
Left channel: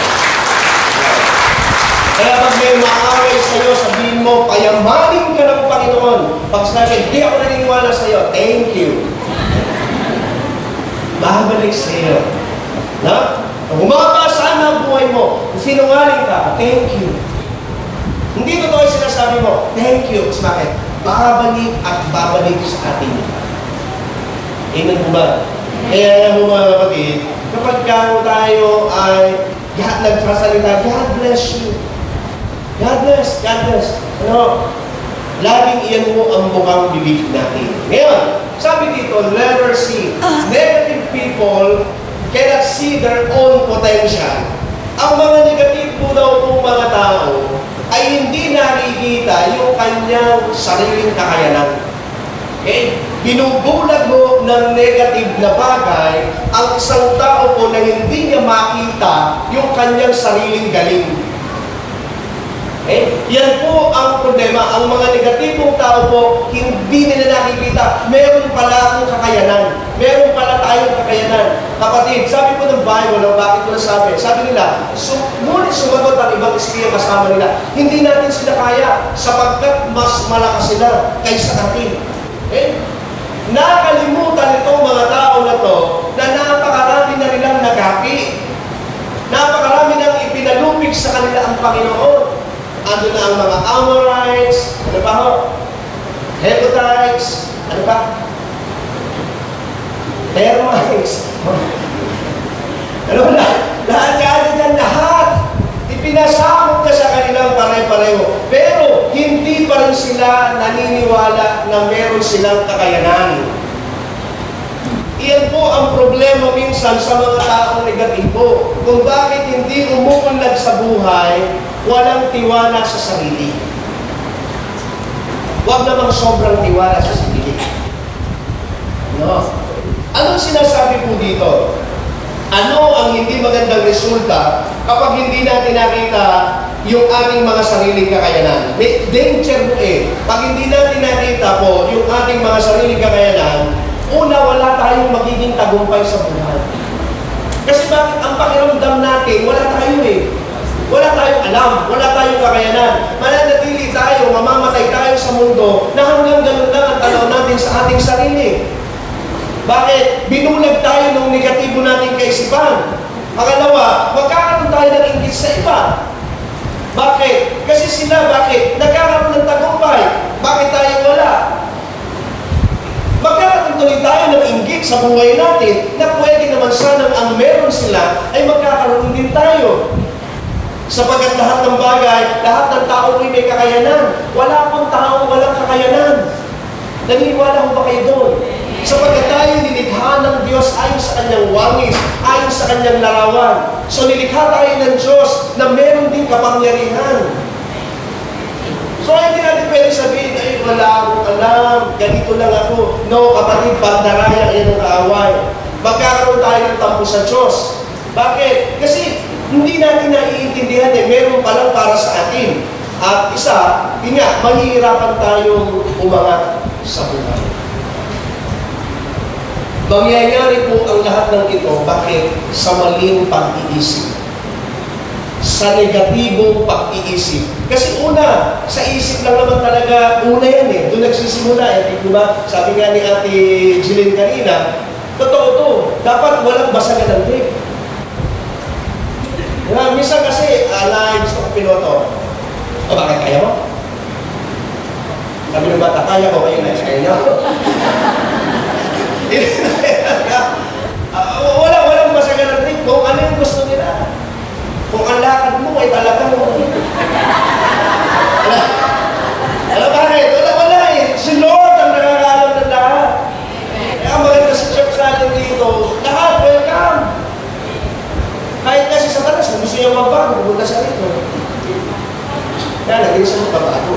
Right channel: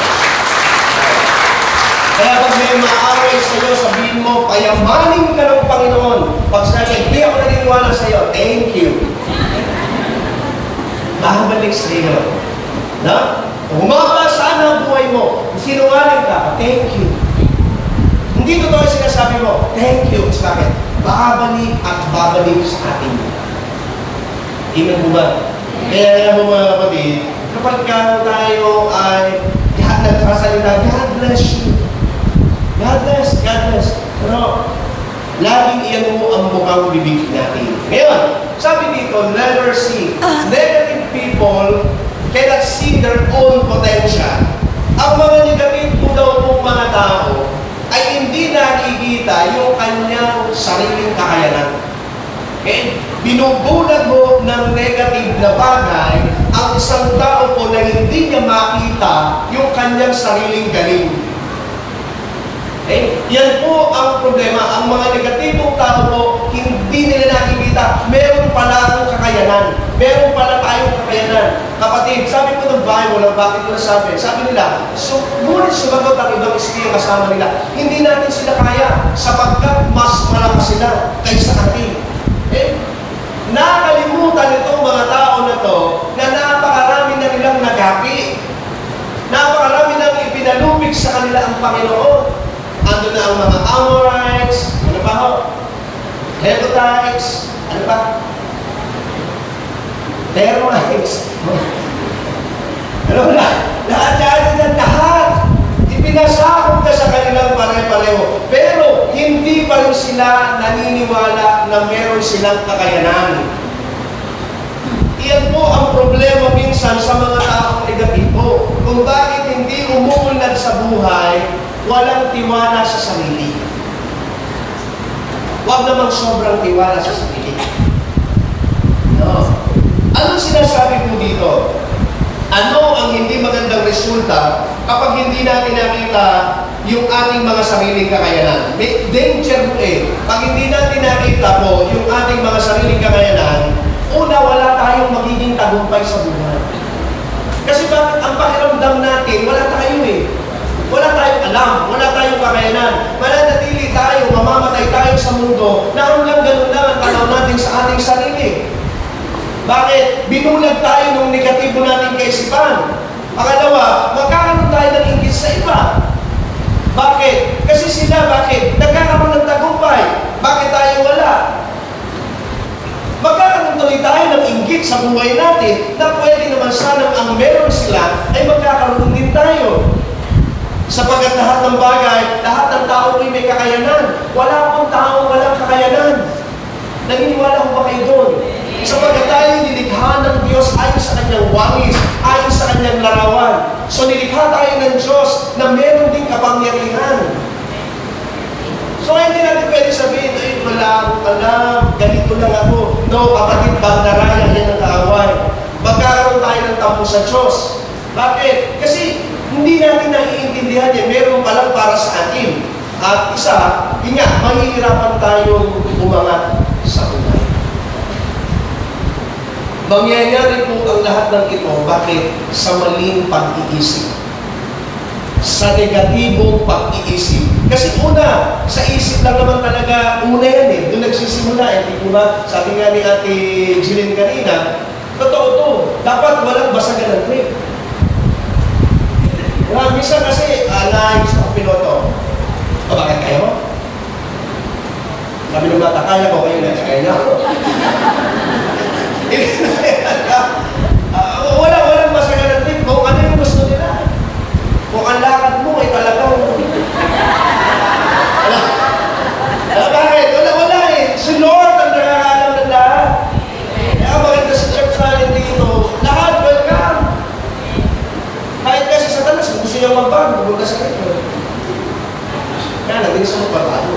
Kaya pag may maaway sa iyo, sabihin mo, payamanin ka ng Panginoon. Pag sinabi, hindi ako naniniwala sa iyo, thank you. Babalik sa iyo. Na? Humaba saan ang buhay mo? Sinungaling ka, thank you. Hindi totoo yung sinasabi mo, thank you. Kasi bakit? Babalik at babalik sa atin. Amen po ba? Kaya mo mga kapatid, kapag tayo ay nagpasalita, God bless you. God bless, God bless. Ano? Laging iyan mo ang mukhang bibig natin. Ngayon, sabi dito, letter C, negative people cannot see their own potential. Ang mga negative po daw pong mga tao ay hindi nakikita yung kanyang sariling kakayanan. Okay? Binubulag mo ng negative na bagay ang isang tao po na hindi niya makita yung kanyang sariling galing. Okay? Yan po ang problema. Ang mga negatibong tao po, hindi nila nakikita. Meron pala akong kakayanan. Meron pala tayong kakayanan. Kapatid, sabi po ng Bible, bakit ko nasabi? Sabi nila, ngunit sumagot ang ibang espiritu kasama nila. Hindi natin sila kaya sapagkat mas malakas sila kaysa atin. Okay? Nakalimutan itong mga tao na to na napakarami na nilang nagaki. Napakarami nang ipinalupig sa kanila ang Panginoon. Ando na ang mga Amorites, ano pa ho? Hebrides, ano pa? Termites. Ano na? Lahat. Ipinasakop ka sa kanilang pare-pareho. Pero, hindi pa rin sila naniniwala na meron silang kakayanan. Iyan po ang problema minsan sa mga taong negatibo. Kung bakit hindi umuunlad sa buhay, walang tiwala sa sarili. Huwag namang sobrang tiwala sa sarili. No? Anong sinasabi po dito? Ano ang hindi magandang resulta kapag hindi natin nakita yung ating mga sariling kakayanan? May danger po eh. Pag hindi natin nakita po yung ating mga sariling kakayanan, una, wala tayong magiging tagumpay sa buhay. Kasi bakit ang pakiramdam natin, wala tayo eh. Wala tayong alam, wala tayong kakayanan. Mananatili tayo, mamamatay tayo sa mundo na hanggang ganun lang ang tanaw natin sa ating sarili. Bakit? Binulag tayo ng negatibo nating kaisipan. Pangalawa, magkakaroon tayo ng inggit sa iba. Bakit? Kasi sila, bakit? Nagkakaroon ng tagumpay. Bakit tayo wala? Magkakaroon tuloy tayo ng inggit sa buhay natin na pwede naman sana ang meron sila ay magkakaroon din tayo. Sapagkat lahat ng bagay, lahat ng tao ay may kakayanan. Wala pong tao walang kakayanan. Naniniwala mo ba kayo doon? Sapagkat tayo nilikha ng Diyos ayon sa kanyang wangis, ayon sa kanyang larawan. So nilikha tayo ng Diyos na meron din kapangyarihan. So hindi natin pwede sabihin, ay wala akong alam, ganito lang ako. No, kapatid, bandaraya yan ang kaaway. Magkakaroon tayo ng tampo sa Diyos. Bakit? Kasi hindi natin naiintindihan eh, meron palang para sa atin. At isa, mahihirapan tayong umangat sa buhay. Mangyayari po ang lahat ng ito, bakit? Sa maling pag-iisip. Sa negatibong pag-iisip. Kasi una, sa isip lang naman talaga, una yan eh. Doon nagsisimula eh. Diba? Sabi nga ni Ate Jillian kanina, totoo to. Dapat walang basagan ng trip. Minsan kasi, gusto ko piloto. O bakit kaya mo? Kami ng bata, kaya ko kayo na kaya niya ako. Walang basagan ng trip. Kung ano yung gusto nila. Kung ang lakad mo ay talagang bakit? Wala eh. Si Lord ang nakakaalam ng lahat. Kaya ang maganda sa church natin dito, lahat welcome. Kahit kasi sa talas, gusto niya magbago, pupunta sa rito. Kaya natin sa magbago.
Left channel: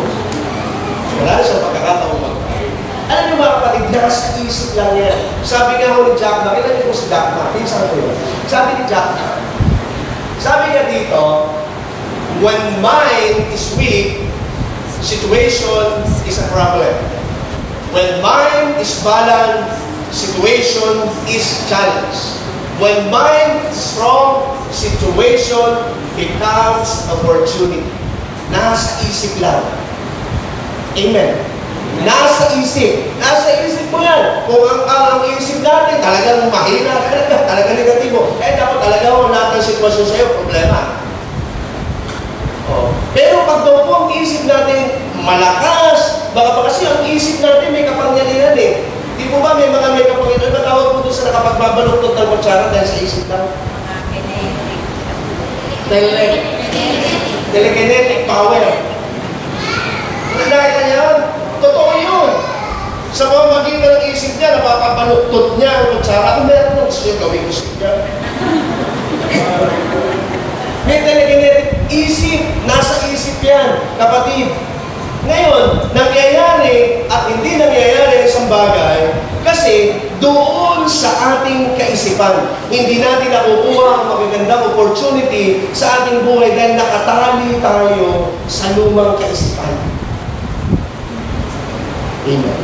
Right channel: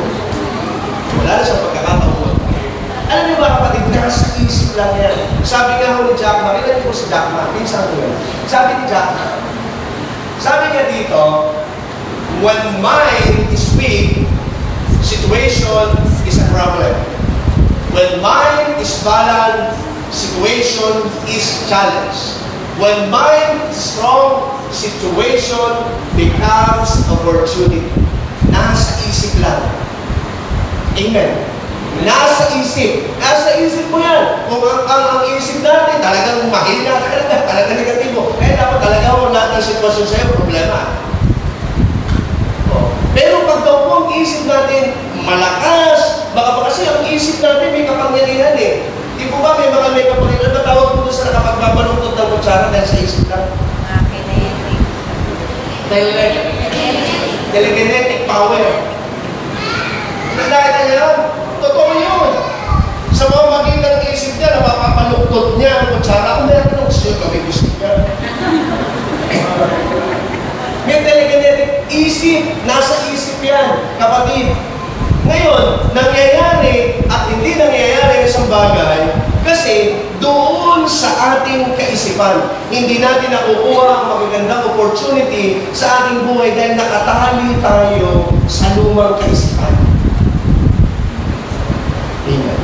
Wala na siyang pagkakataong magbago. Alam niyo mga kapatid, nasa isip lang yan. Sabi nga ho ni Jack Ma, kailan niyo po si Jack Ma, pinsan ko yun. Sabi ni Jack Ma, sabi nga dito, when mind is weak, situation is a problem. When mind is balanced, situation is challenge. When mind is strong, situation becomes opportunity. Nasa isip lang. Amen. Nasa isip. Nasa isip mo yan. Kung ang isip natin, talagang mahina talagang negatibo. Dapat talaga lahat ng sitwasyon sa'yo, problema. Pero pag daw po ang isip natin malakas, baka pa kasi ang isip natin may kapangyarihan eh. Di po ba may mga may kapangyarihan? Ano tawag po doon sa nakapagbabaluktot ng kutsara dahil sa isip lang? Telekinetic power. Nakita niya yun? Totoo yun. Sa mga maging ng isip niya, napapapaluktot niya ang kutsara. Kung meron nung gusto yung gawin gusto niya. May telekinetic isip. Nasa isip yan, kapatid. Ngayon, nangyayari at hindi nangyayari sa isang bagay kasi doon sa ating kaisipan. Hindi natin nakukuha ang magagandang opportunity sa ating buhay dahil nakatali tayo sa lumang kaisipan. Amen.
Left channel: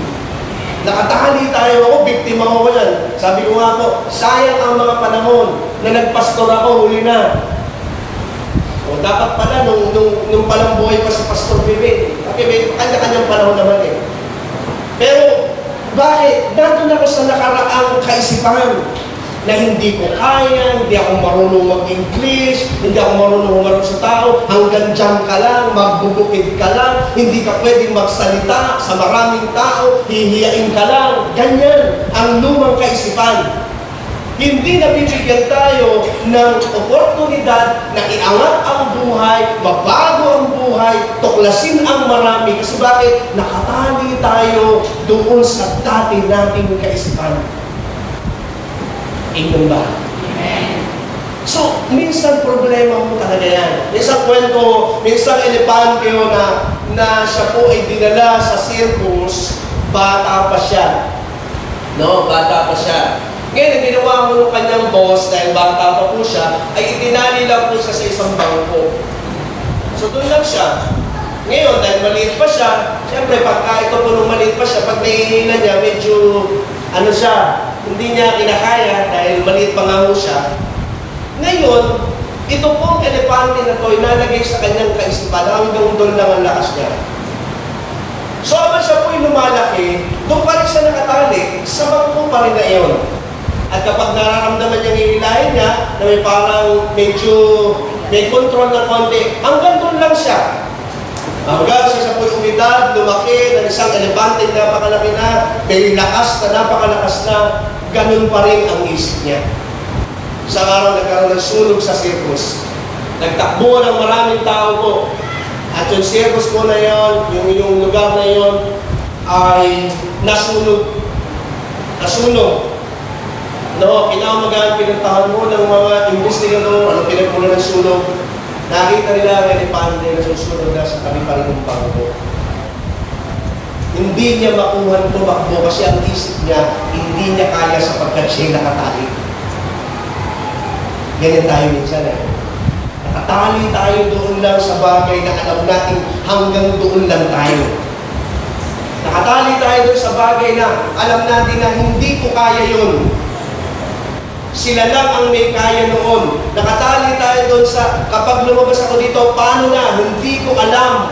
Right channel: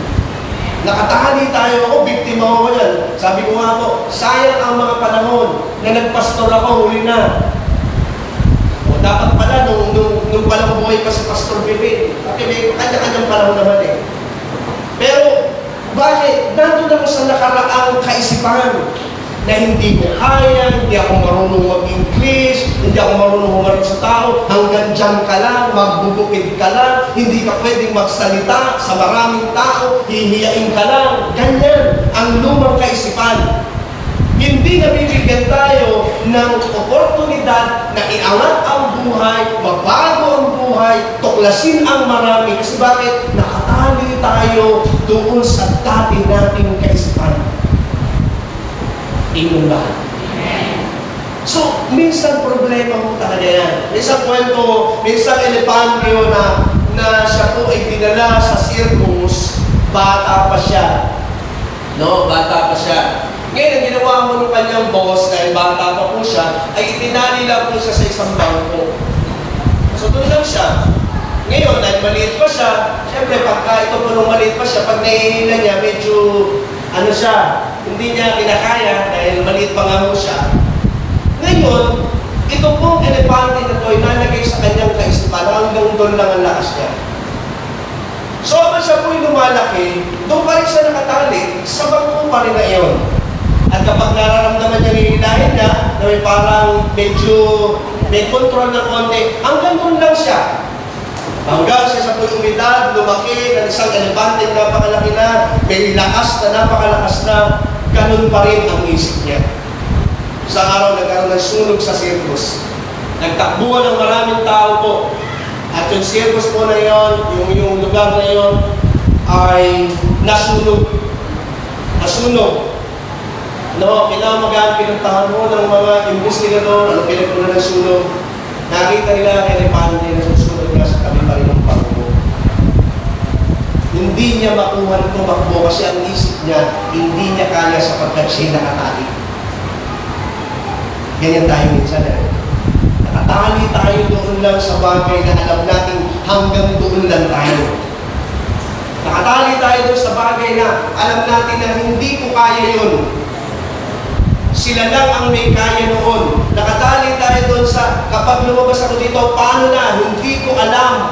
Nakatali tayo, ako, biktima ko yan. Sabi ko nga po, sayang ang mga panahon na nagpastor ako, huli na. O, dapat pala, nung palang buhay pa si Pastor Bebe, may kanya-kanyang panahon naman eh. Pero, bakit? Nandun ako sa nakaraang kaisipan na hindi ko kaya, hindi ako marunong mag-English, hindi ako marunong humarap sa tao, hanggang dyan ka lang, magbubukid ka lang, hindi ka pwedeng magsalita sa maraming tao, hihiyain ka lang. Ganyan ang lumang kaisipan. Hindi nabibigyan tayo ng oportunidad na iangat ang buhay, mabago ang buhay, tuklasin ang marami. Kasi bakit? Nakatali tayo doon sa dati nating kaisipan. Amen ba? So, minsan problema mo talaga yan. Minsan kwento, minsan elepante yun na siya po ay dinala sa circus, bata pa siya. No, bata pa siya. Ngayon, ang ginawa mo ng kanyang boss, dahil bata pa po siya, ay itinali lang po siya sa isang bangko. So, doon lang siya. Ngayon, dahil maliit pa siya, siyempre, pagka ito po nung maliit pa siya, pag nahihila niya, medyo, siya, hindi niya kinakaya dahil maliit pa nga mo siya. Ngayon, ito pong elepante na ito, inalagay sa kanyang kaisipan, hanggang doon lang ang lakas niya. So, habang siya po'y lumalaki, doon pa rin siya nakatali, sa bangko pa rin na iyon. At kapag nararamdaman niyang hihilahin niya, na may parang medyo may control na konti, hanggang doon lang siya. Hanggang siya po'y umidad, lumaki, ng isang elepante na napakalaki na, may lakas na napakalakas na, ganun pa rin ang isip niya. Isang araw nagkaroon ng sunog sa circus. Nagtakbuhan ng maraming tao po. At yung circus po na yon, yung lugar na yon, ay nasunog. Nasunog. No, kinamagaan, pinuntahan mo ng mga investigador, ano pinagpunan ng sunog. Nakita nila ang elepante na susunod na sa kami pa rin ng pangko. Hindi niya makuha ng tumakbo kasi ang isip niya, hindi niya kaya sapagkat siya'y nakatali. Ganyan tayo minsan eh. Nakatali tayo doon lang sa bagay na alam natin hanggang doon lang tayo. Nakatali tayo doon sa bagay na alam natin na hindi ko kaya yun. Sila lang ang may kaya noon. Nakatali tayo doon sa kapag lumabas ako dito, paano na? Hindi ko alam.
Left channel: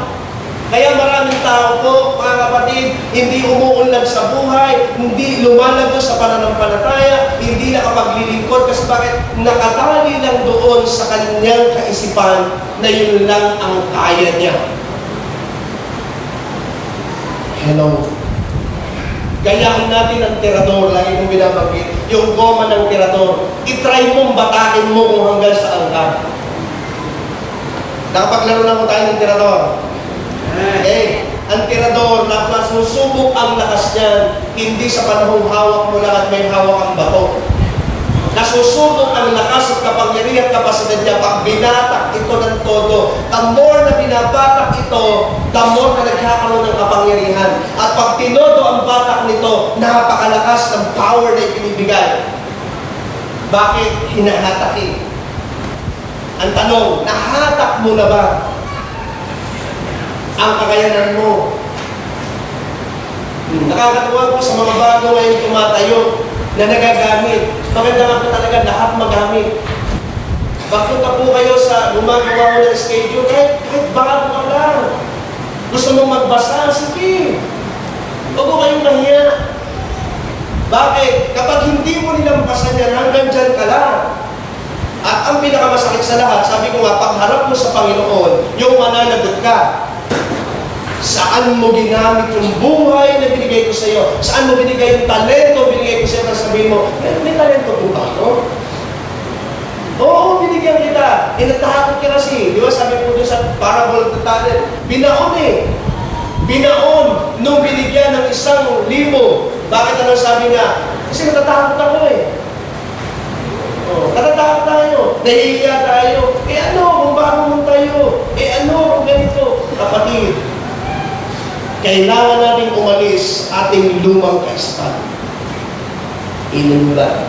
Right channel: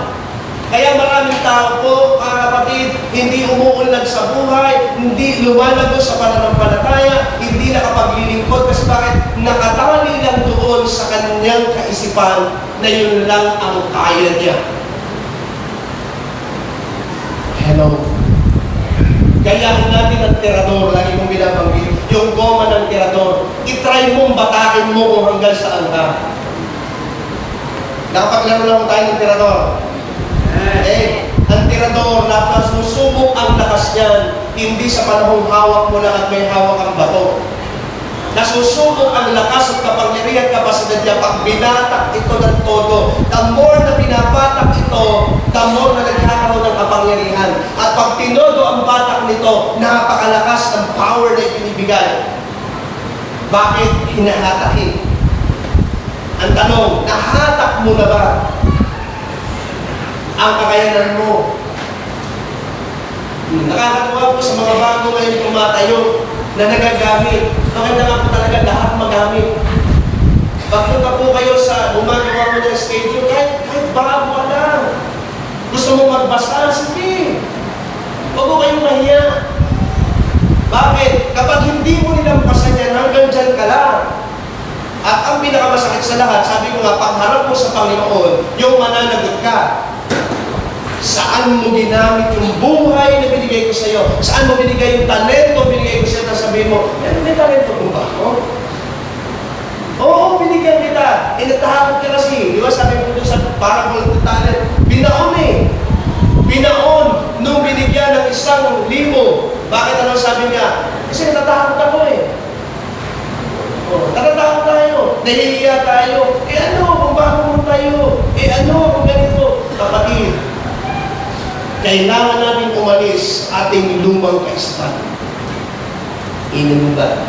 Kaya maraming tao po, mga kapatid, hindi umuunlad sa buhay, hindi lumalago sa pananampalataya, hindi nakapaglilingkod kasi bakit? Nakatali lang doon sa kanyang kaisipan na yun lang ang kaya niya. Hello. Gayahin natin ang tirador, lagi kong binabanggit, yung goma ng tirador. I-try mong batakin mo kung hanggang saan ka. Nakapaglaro lang tayo ng tirador. Ang tirador, nasusubok ang lakas niyan, hindi sa panahong hawak mo lang at may hawak ang bato. Nasusubok ang lakas at kapangyarihan at kapasidad niya pag binatak ito ng todo. The more na binabatak ito, the more na nagkakaroon ng kapangyarihan. At pag tinodo ang batak nito, napakalakas ng power na ibinibigay. Bakit hinahatak eh? Ang tanong, nahatak mo na ba ang kakayanan mo? Nakakatawa po sa mga bago ngayon tumatayo na nagagamit. Maganda nga po talaga lahat magamit. Pagpunta po kayo sa gumagawa mo ng schedule, kahit bago ka lang. Gusto mo magbasa? Sige. Huwag ko kayong mahiya. Bakit? Kapag hindi mo nilampasan yan, hanggang dyan ka lang. At ang pinakamasakit sa lahat, sabi ko nga, pagharap mo sa Panginoon, yung mananagot ka. Saan mo ginamit yung buhay na binigay ko sa iyo? Saan mo binigay yung talento binigay ko sa iyo? Sabihin mo, may talento po ba ako? Oo, binigyan kita. Natakot ka kasi. Di ba sabi ko dun sa parable of talent, binaon eh. Binaon nung binigyan ng 1,000. Bakit ano sabi niya? Kasi natatakot ako eh. Natatakot tayo. Nahihiya tayo. Ano kung bago mo tayo? Ano kung ganito? Kapatid, kailangan natin umalis sa ating lumang kaisipan. Amen ba?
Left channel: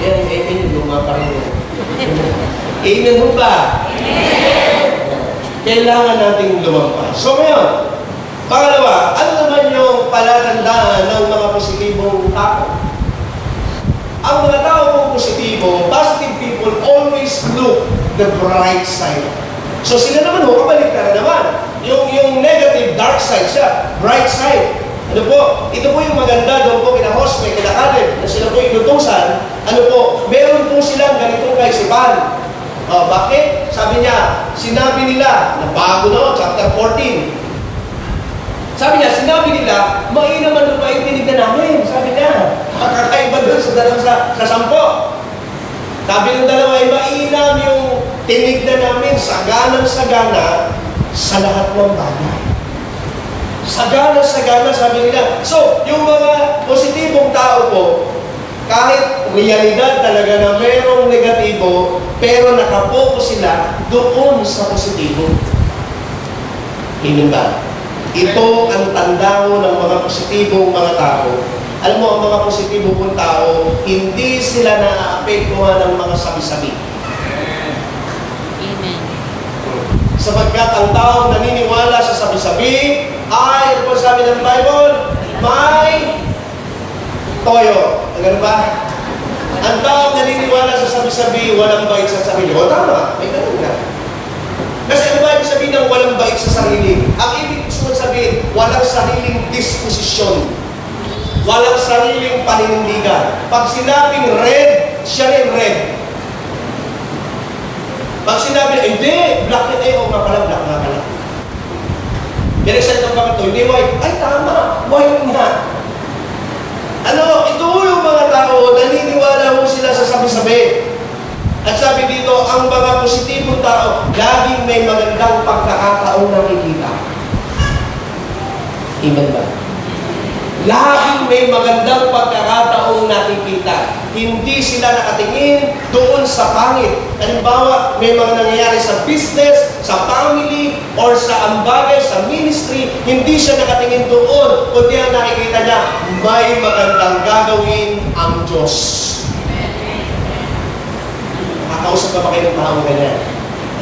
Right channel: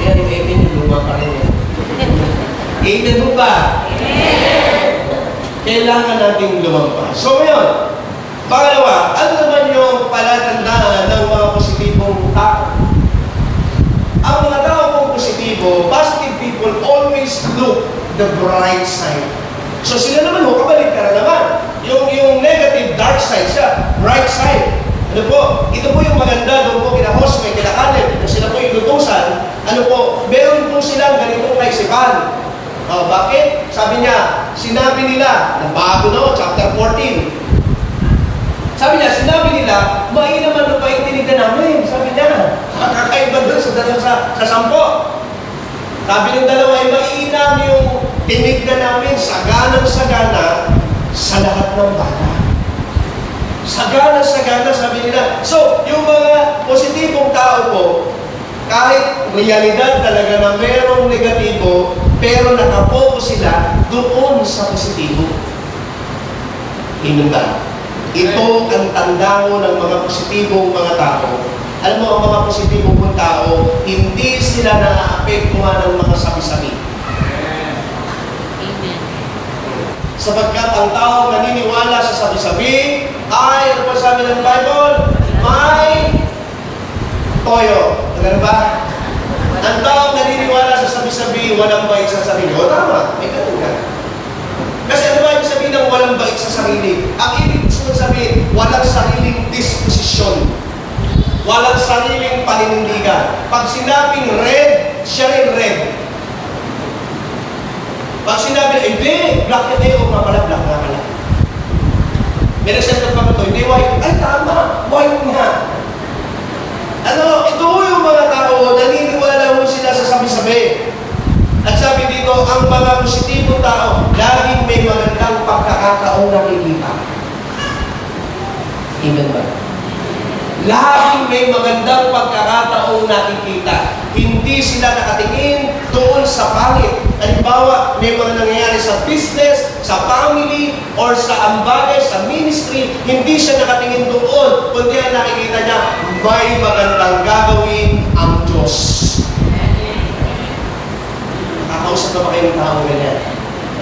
Yan, yung amen, luma pa rin yan. Amen ba? Kailangan natin lumampas. So ngayon, pangalawa, ano naman yung palatandaan ng mga positibong tao? Ang mga tao pong positibo, positive people always look the bright side. So sila naman ho, kabalik ka na naman. Yung negative, dark side siya, bright side. Ano po? Ito po yung maganda doon po kina Josue, kina Caleb, na sila po inutusan. Ano po? Meron po silang ganitong kaisipan. Bakit? Sabi niya, sinabi nila, na bago no, chapter 14. Sabi niya, sinabi nila, mainaman na paintinig na namin. Sabi niya, makakaiba doon sa 10. Sabi ng dalawa, ay mainam yung tinig na namin, saganang-sagana sa lahat ng bata. Sagana-sagana, sabi nila. So, yung mga positibong tao po, kahit realidad talaga na merong negatibo, pero nakapokus sila doon sa positibo. Amen ba? Ito ang tandao ng mga positibong mga tao. Alam mo, ang mga positibong tao, hindi sila naaapektuhan ng mga sabi-sabi. Sapagkat ang tao naniniwala sa sabi-sabi ay, ano po sabi ng Bible? May toyo. Ganun ba? Ang tao naniniwala sa sabi-sabi, walang bait sa sarili. O tama, may ganun ka. Kasi ano ba ibig sabihin ng walang bait sa sarili? Ang ibig sabihin, walang sariling disposisyon. Walang sariling paninindigan. Pag sinabing red, siya rin red. Pag sinabi, hindi, black na tayo, nga pala, black nga pala. May nagsalita pa ito, hindi white. Ay, tama, white nga. Ano, ito yung mga tao, naniniwala mo sila sa sabi-sabi. At sabi dito, ang mga positibong tao, laging may magandang pagkakataong nakikita. Amen ba? Laging may magandang pagkakataong nakikita. Hindi sila nakatingin doon sa pangit. Halimbawa, may mga nangyayari sa business, sa family, or sa ambagay, sa ministry, hindi siya nakatingin doon, kundi ang nakikita niya, may magandang gagawin ang Diyos. Nakakausap ka ba kayo ng tao ganyan?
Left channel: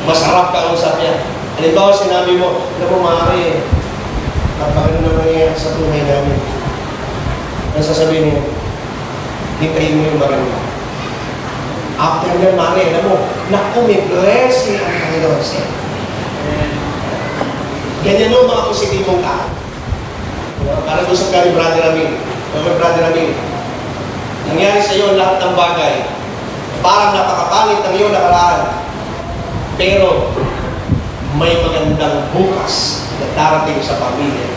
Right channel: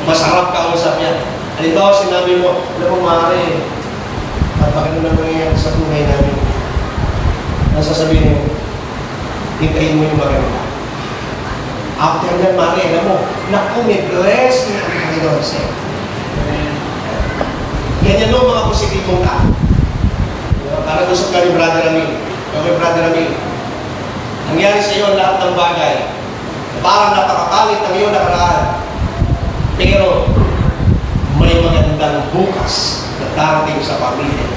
Masarap kausap niya. Halimbawa, sinabi mo, alam mo, maaari, kapag ano na nangyayari sa buhay namin, nasasabihin niyo, hintayin mo yung maganda. After nga, maaari, alam mo, naku, may blessing ang Panginoon siya. Ganyan no, mga positibong tao. Parang usap ka ni Brother Ramil. Brother Ramil, nangyari sa iyo lahat ng bagay. Parang napakapalit ng iyong nakaraan. Pero, may magandang bukas na darating sa pamilya.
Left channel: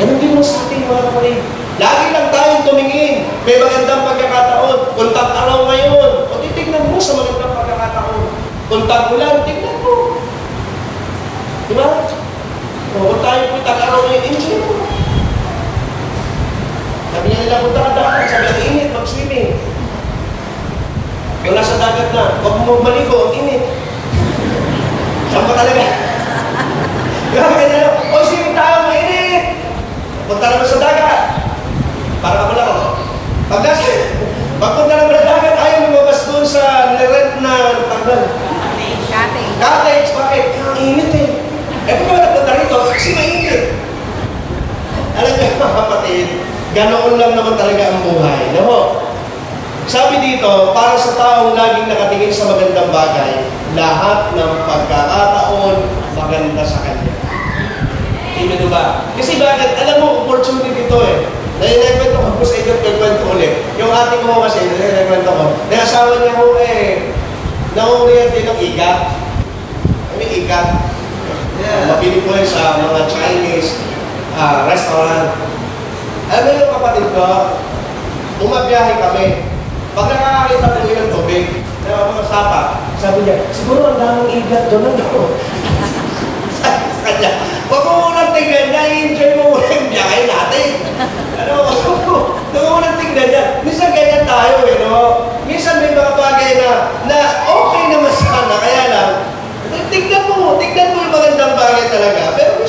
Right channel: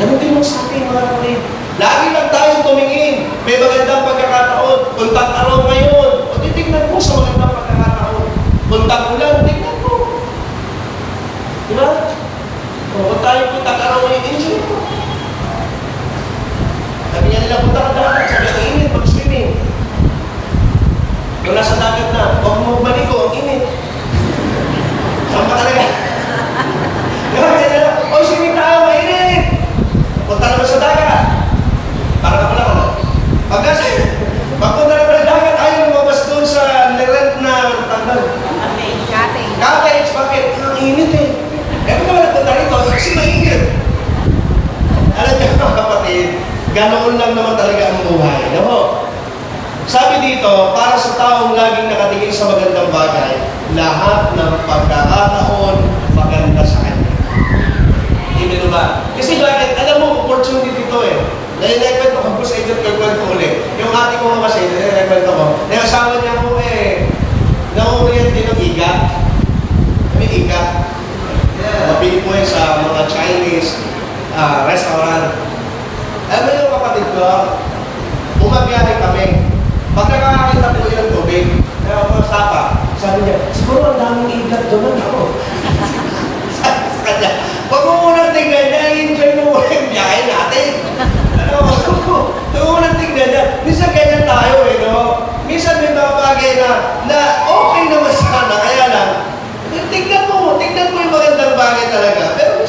Ganun din mo sa atin, mga kapatid. Lagi lang tayong tumingin. May magandang pagkakataon. Kung tag-araw ngayon, o titignan mo sa magandang pagkakataon. Kung tag-ulan, tignan mo. Diba? O, kung tayo po tag-araw ngayon, enjoy mo. Sabi niya nila, punta ka dagat. Sabi ang init, mag-swimming. Kung nasa dagat na, huwag mo maligo, ang init. Saan ba talaga? Gawin ka na, o swimming tayo, mainit! Punta naman sa dagat. Para ka pala ka. Pagpunta naman sa dagat, ayaw lumabas doon sa nirent na tanggal. Cottage. Cottage, bakit? Ang init eh. Eh, kung ka nagpunta rito, kasi mainit. Alam niyo mga kapatid, ganoon lang naman talaga ang buhay. No? Sabi dito, para sa taong laging nakatingin sa magandang bagay, lahat ng pagkakataon maganda sa kanya. Hindi ba? Kasi bakit? Alam mo, opportunity ito eh. Naikwento ko sa inyo, nagkwento ulit. Yung ate ko kasi, naikwento ko, nakasawa niya ko nauulihan din ng ikat. May ikat. Mapili po yan sa mga Chinese restaurant. Alam mo yung kapatid ko, bumabiyahe kami. Pag nakakakita ko yung tubig, sapa, sabi niya, siguro ang daming igat doon ako. Kanya, huwag mo munang tingnan niya, i-enjoy mo muna yung biyahe natin. Huwag mo munang tingnan niya. Minsan ganyan tayo eh, no? Minsan may mga bagay na okay naman sana, kaya lang, tignan mo yung magandang bagay talaga. Pero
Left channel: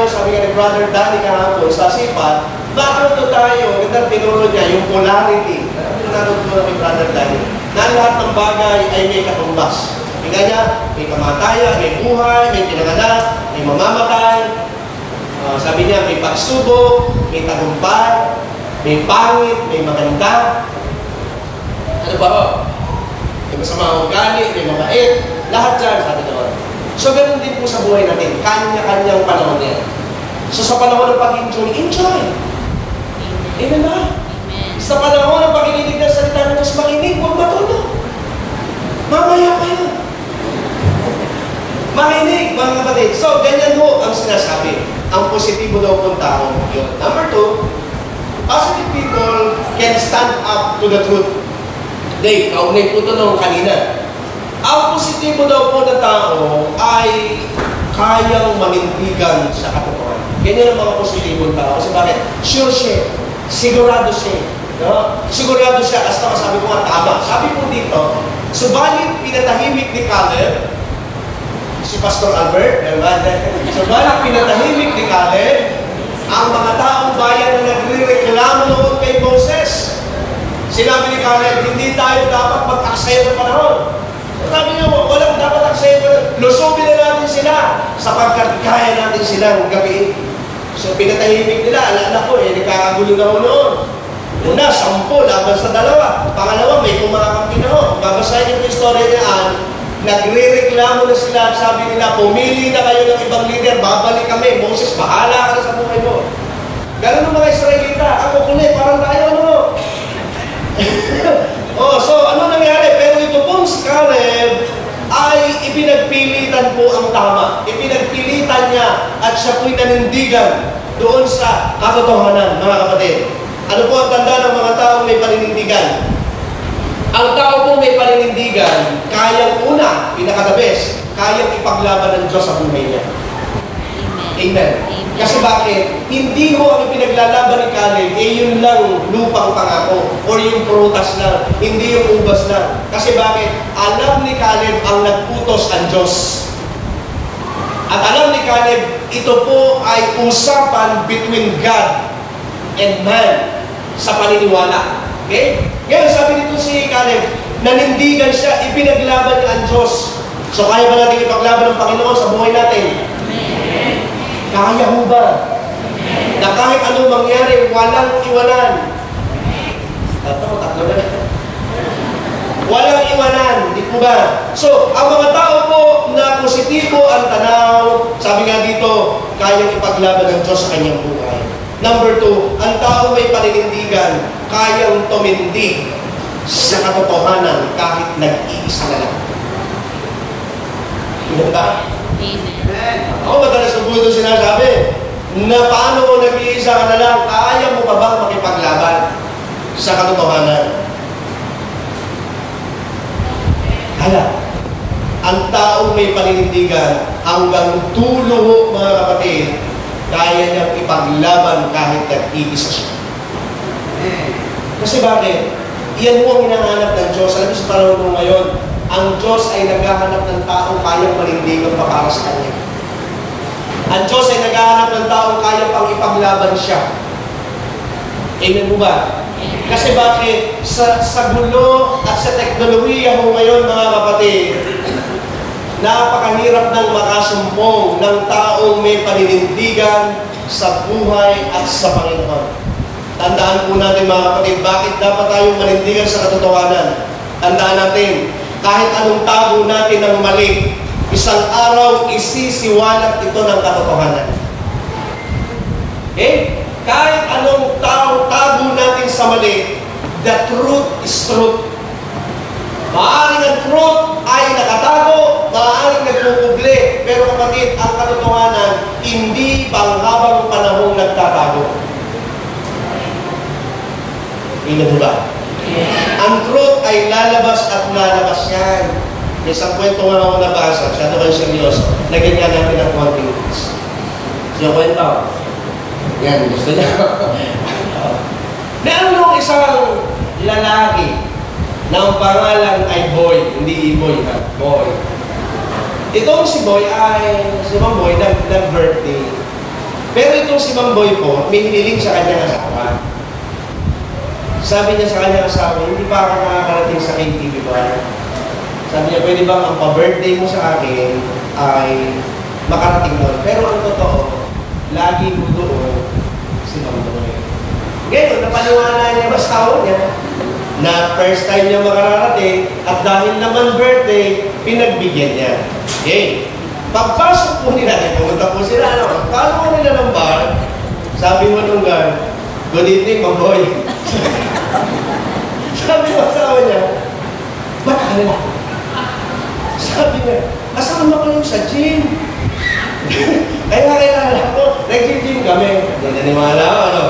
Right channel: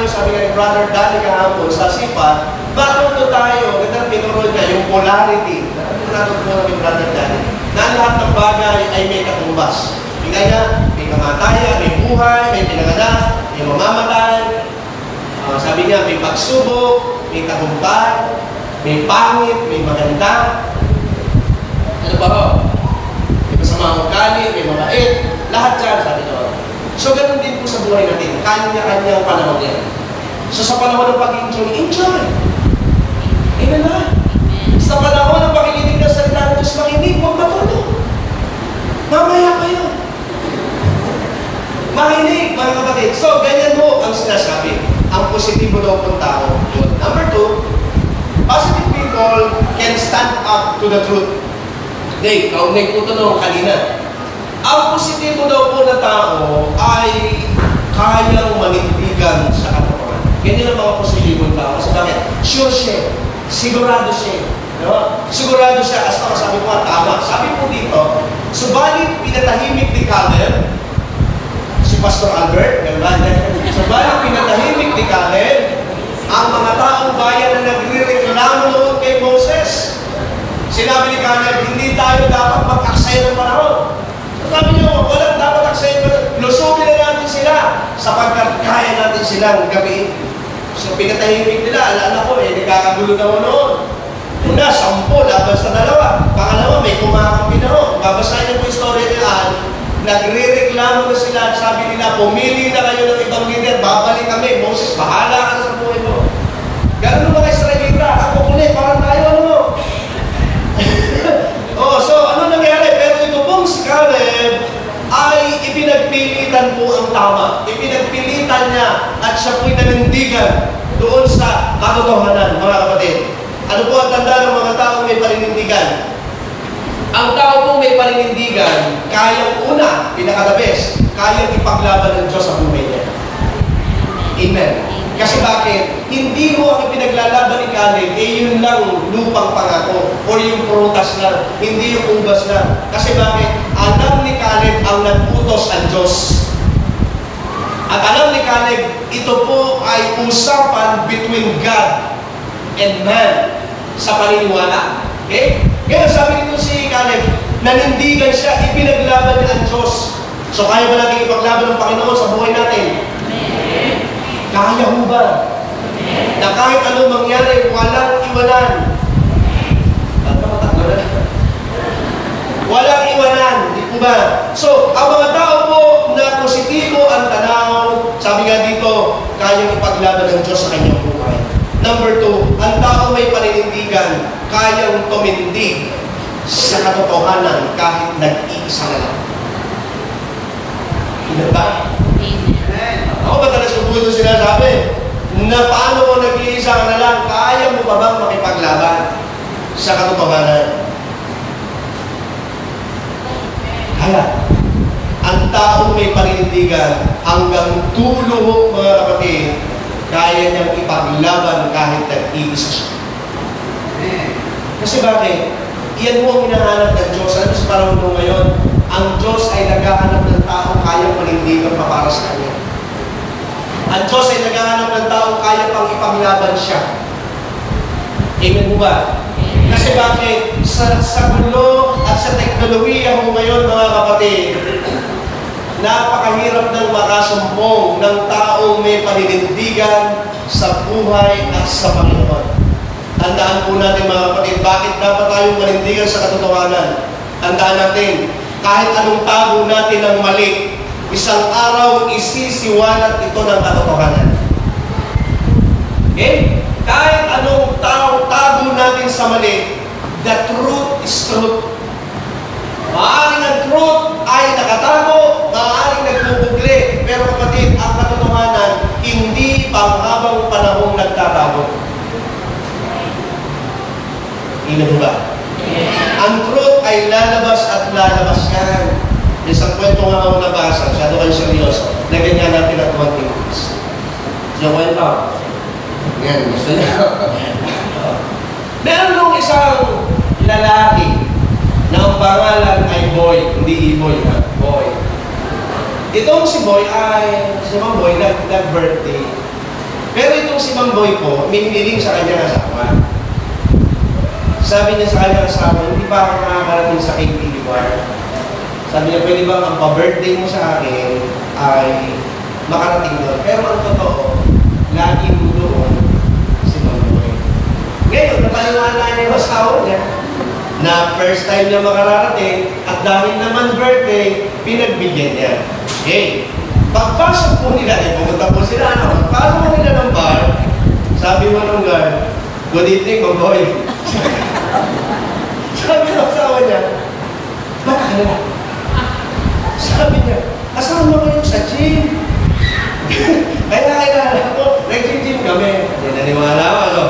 tayo, sabi nga ni Brother Danny kahapon sa sipat, natuto tayo, ganda tinuro niya, yung polarity. Natuto ni Brother Danny, na lahat ng bagay ay may katumbas. Tingnan niya, may kamatayan, may buhay, may pinanganak, may mamamatay. Sabi niya, may pagsubok, may tagumpay, may pangit, may maganda. Ano ba ho? May masama ugali, may mabait. Lahat dyan, sabi doon. So, ganun din po sa buhay natin. Kanya-kanyang panahon yan. So, sa panahon ng pag-enjoy, enjoy. Amen na. Sa panahon ng pakikinig ng salita ng Diyos, makinig, huwag matulog. Mamaya kayo. Makinig, mga kapatid. So, ganyan mo ang sinasabi. Ang positibo daw pong tao. Yun. Number 2, positive people can stand up to the truth. Dave, kaunay po ito nung kanina. Ang positibo daw po na tao ay kayang manindigan sa katotohanan. Ganyan ang mga positibong tao. Kasi bakit? Sure siya. Sigurado siya. No? Sigurado siya. As masabi ko nga, tama. Sabi po dito, subalit pinatahimik ni Caleb, si Pastor Albert, subalit pinatahimik ni Caleb, ang mga taong bayan na nagre-reklamo noon kay Moses. Sinabi ni Caleb, hindi tayo dapat mag-aksaya ng panahon. Sabi niyo, walang dapat aksaya ng panahon. Lusubin na natin sila sapagkat kaya natin silang gabiin. So pinatahimik nila, alala ko nagkakagulo na noon. Una, 10 laban sa 2. Pangalawa, may kumakampi na ho. Babasahin niyo po yung story niyan. Nagre-reklamo na sila at sabi nila, pumili na kayo ng ibang leader, babalik kami. Moses, bahala ka na sa buhay mo. Ganun ng mga Israelita. Ako kulit, parang tayo, ano? So ano nangyari? Pero ito pong si Caleb ay ipinagpilitan po ang tama. Ipinagpilitan niya at siya po'y nanindigan doon sa katotohanan, mga kapatid. Ano po ang tanda ng mga taong may paninindigan? Ang tao po may paninindigan, kayang una, pinaka-the best, kayang ipaglaban ng Diyos sa buhay niya. Amen. Kasi bakit? Hindi mo ang ipinaglalaban ni Caleb, yun lang lupang pangako o yung prutas lang, hindi yung ubas lang. Kasi bakit? Alam ni Caleb ang nagputos ang Diyos. At alam ni Caleb, ito po ay usapan between God and man sa paniniwala. Okay? Kaya sabi dito si Caleb, nanindigan siya, ipinaglaban niya ang Diyos. So kaya ba natin ipaglaban ng Panginoon sa buhay natin? Kaya ho ba? Na kahit anong mangyari, walang iwanan. Walang iwanan. Di po ba? So, ang mga tao po na positibo ang tanaw, sabi nga dito, kayang ipaglaban ng Diyos sa kanyang buhay. Number 2, ang tao may paninindigan, kayang tumindig sa katotohanan kahit nag-iisa na lang. Hindi ba? Ako madalas ko po ito sinasabi na paano kung nag-iisa ka na lang, kaya mo pa bang makipaglaban sa katotohanan? Kaya, ang taong may paninindigan hanggang tulo, mga kapatid, kaya niyang ipaglaban kahit nag-iisa siya. Kasi bakit? Iyan mo ang hinahanap ng Diyos. Alam mo sa panahon mo ngayon, ang Diyos ay naghahanap ng taong kayang manindigan pa para sa Kanya. Ang Diyos ay naghahanap ng taong kaya pang ipaglaban siya. Amen mo ba? Kasi bakit? Sa gulo at sa teknolohiya mo ngayon, mga kapatid, napakahirap ng makasumpong ng taong may paninindigan sa buhay at sa Panginoon. Tandaan po natin, mga kapatid, bakit dapat tayong manindigan sa katotohanan? Tandaan natin, kahit anong tago natin ng mali, isang araw isisiwalat ito ng katotohanan. Okay? Kahit anong tago natin sa mali, the truth is truth. Maaaring ang truth ay nakatago, maaaring nagpupugli, pero kapatid, ang katotohanan, hindi panghabang panahong nagtatago. Ilan ba? Ang truth ay lalabas at lalabas yan. May isang kwento nga ako nabasa, masyado kayo seryoso, na ganyan natin ang konting minutes. Siya kwento. Yan, gusto niya. Meron yung isang lalaki na ang pangalan ay Boy, hindi Boy ha, Boy. Itong si Boy ay, si Mang Boy, nag-birthday. Pero itong si Mamboy po, may hiniling sa kanyang asawa. Sabi niya sa kanyang asawa, hindi pa ako nakakarating sa KTV bar. Sabi niya, pwede ba ang pa-birthday mo sa akin ay makarating mo. Pero ang totoo, lagi mo doon si Mamboy. Ngayon, napaniwala niya yung asawa niya na first time niya makararating at dahil naman birthday, pinagbigyan niya. Okay. Pagpasok po nila, pumunta po sila, pagpasok po nila ng bar, sabi mo nung guard, good evening, Mamboy. Sabi ng asawa niya, ba't ka? Sabi niya, kasama ko yung sa gym. Kaya ko, nag-gym kami. Hindi naniwala ako, ano.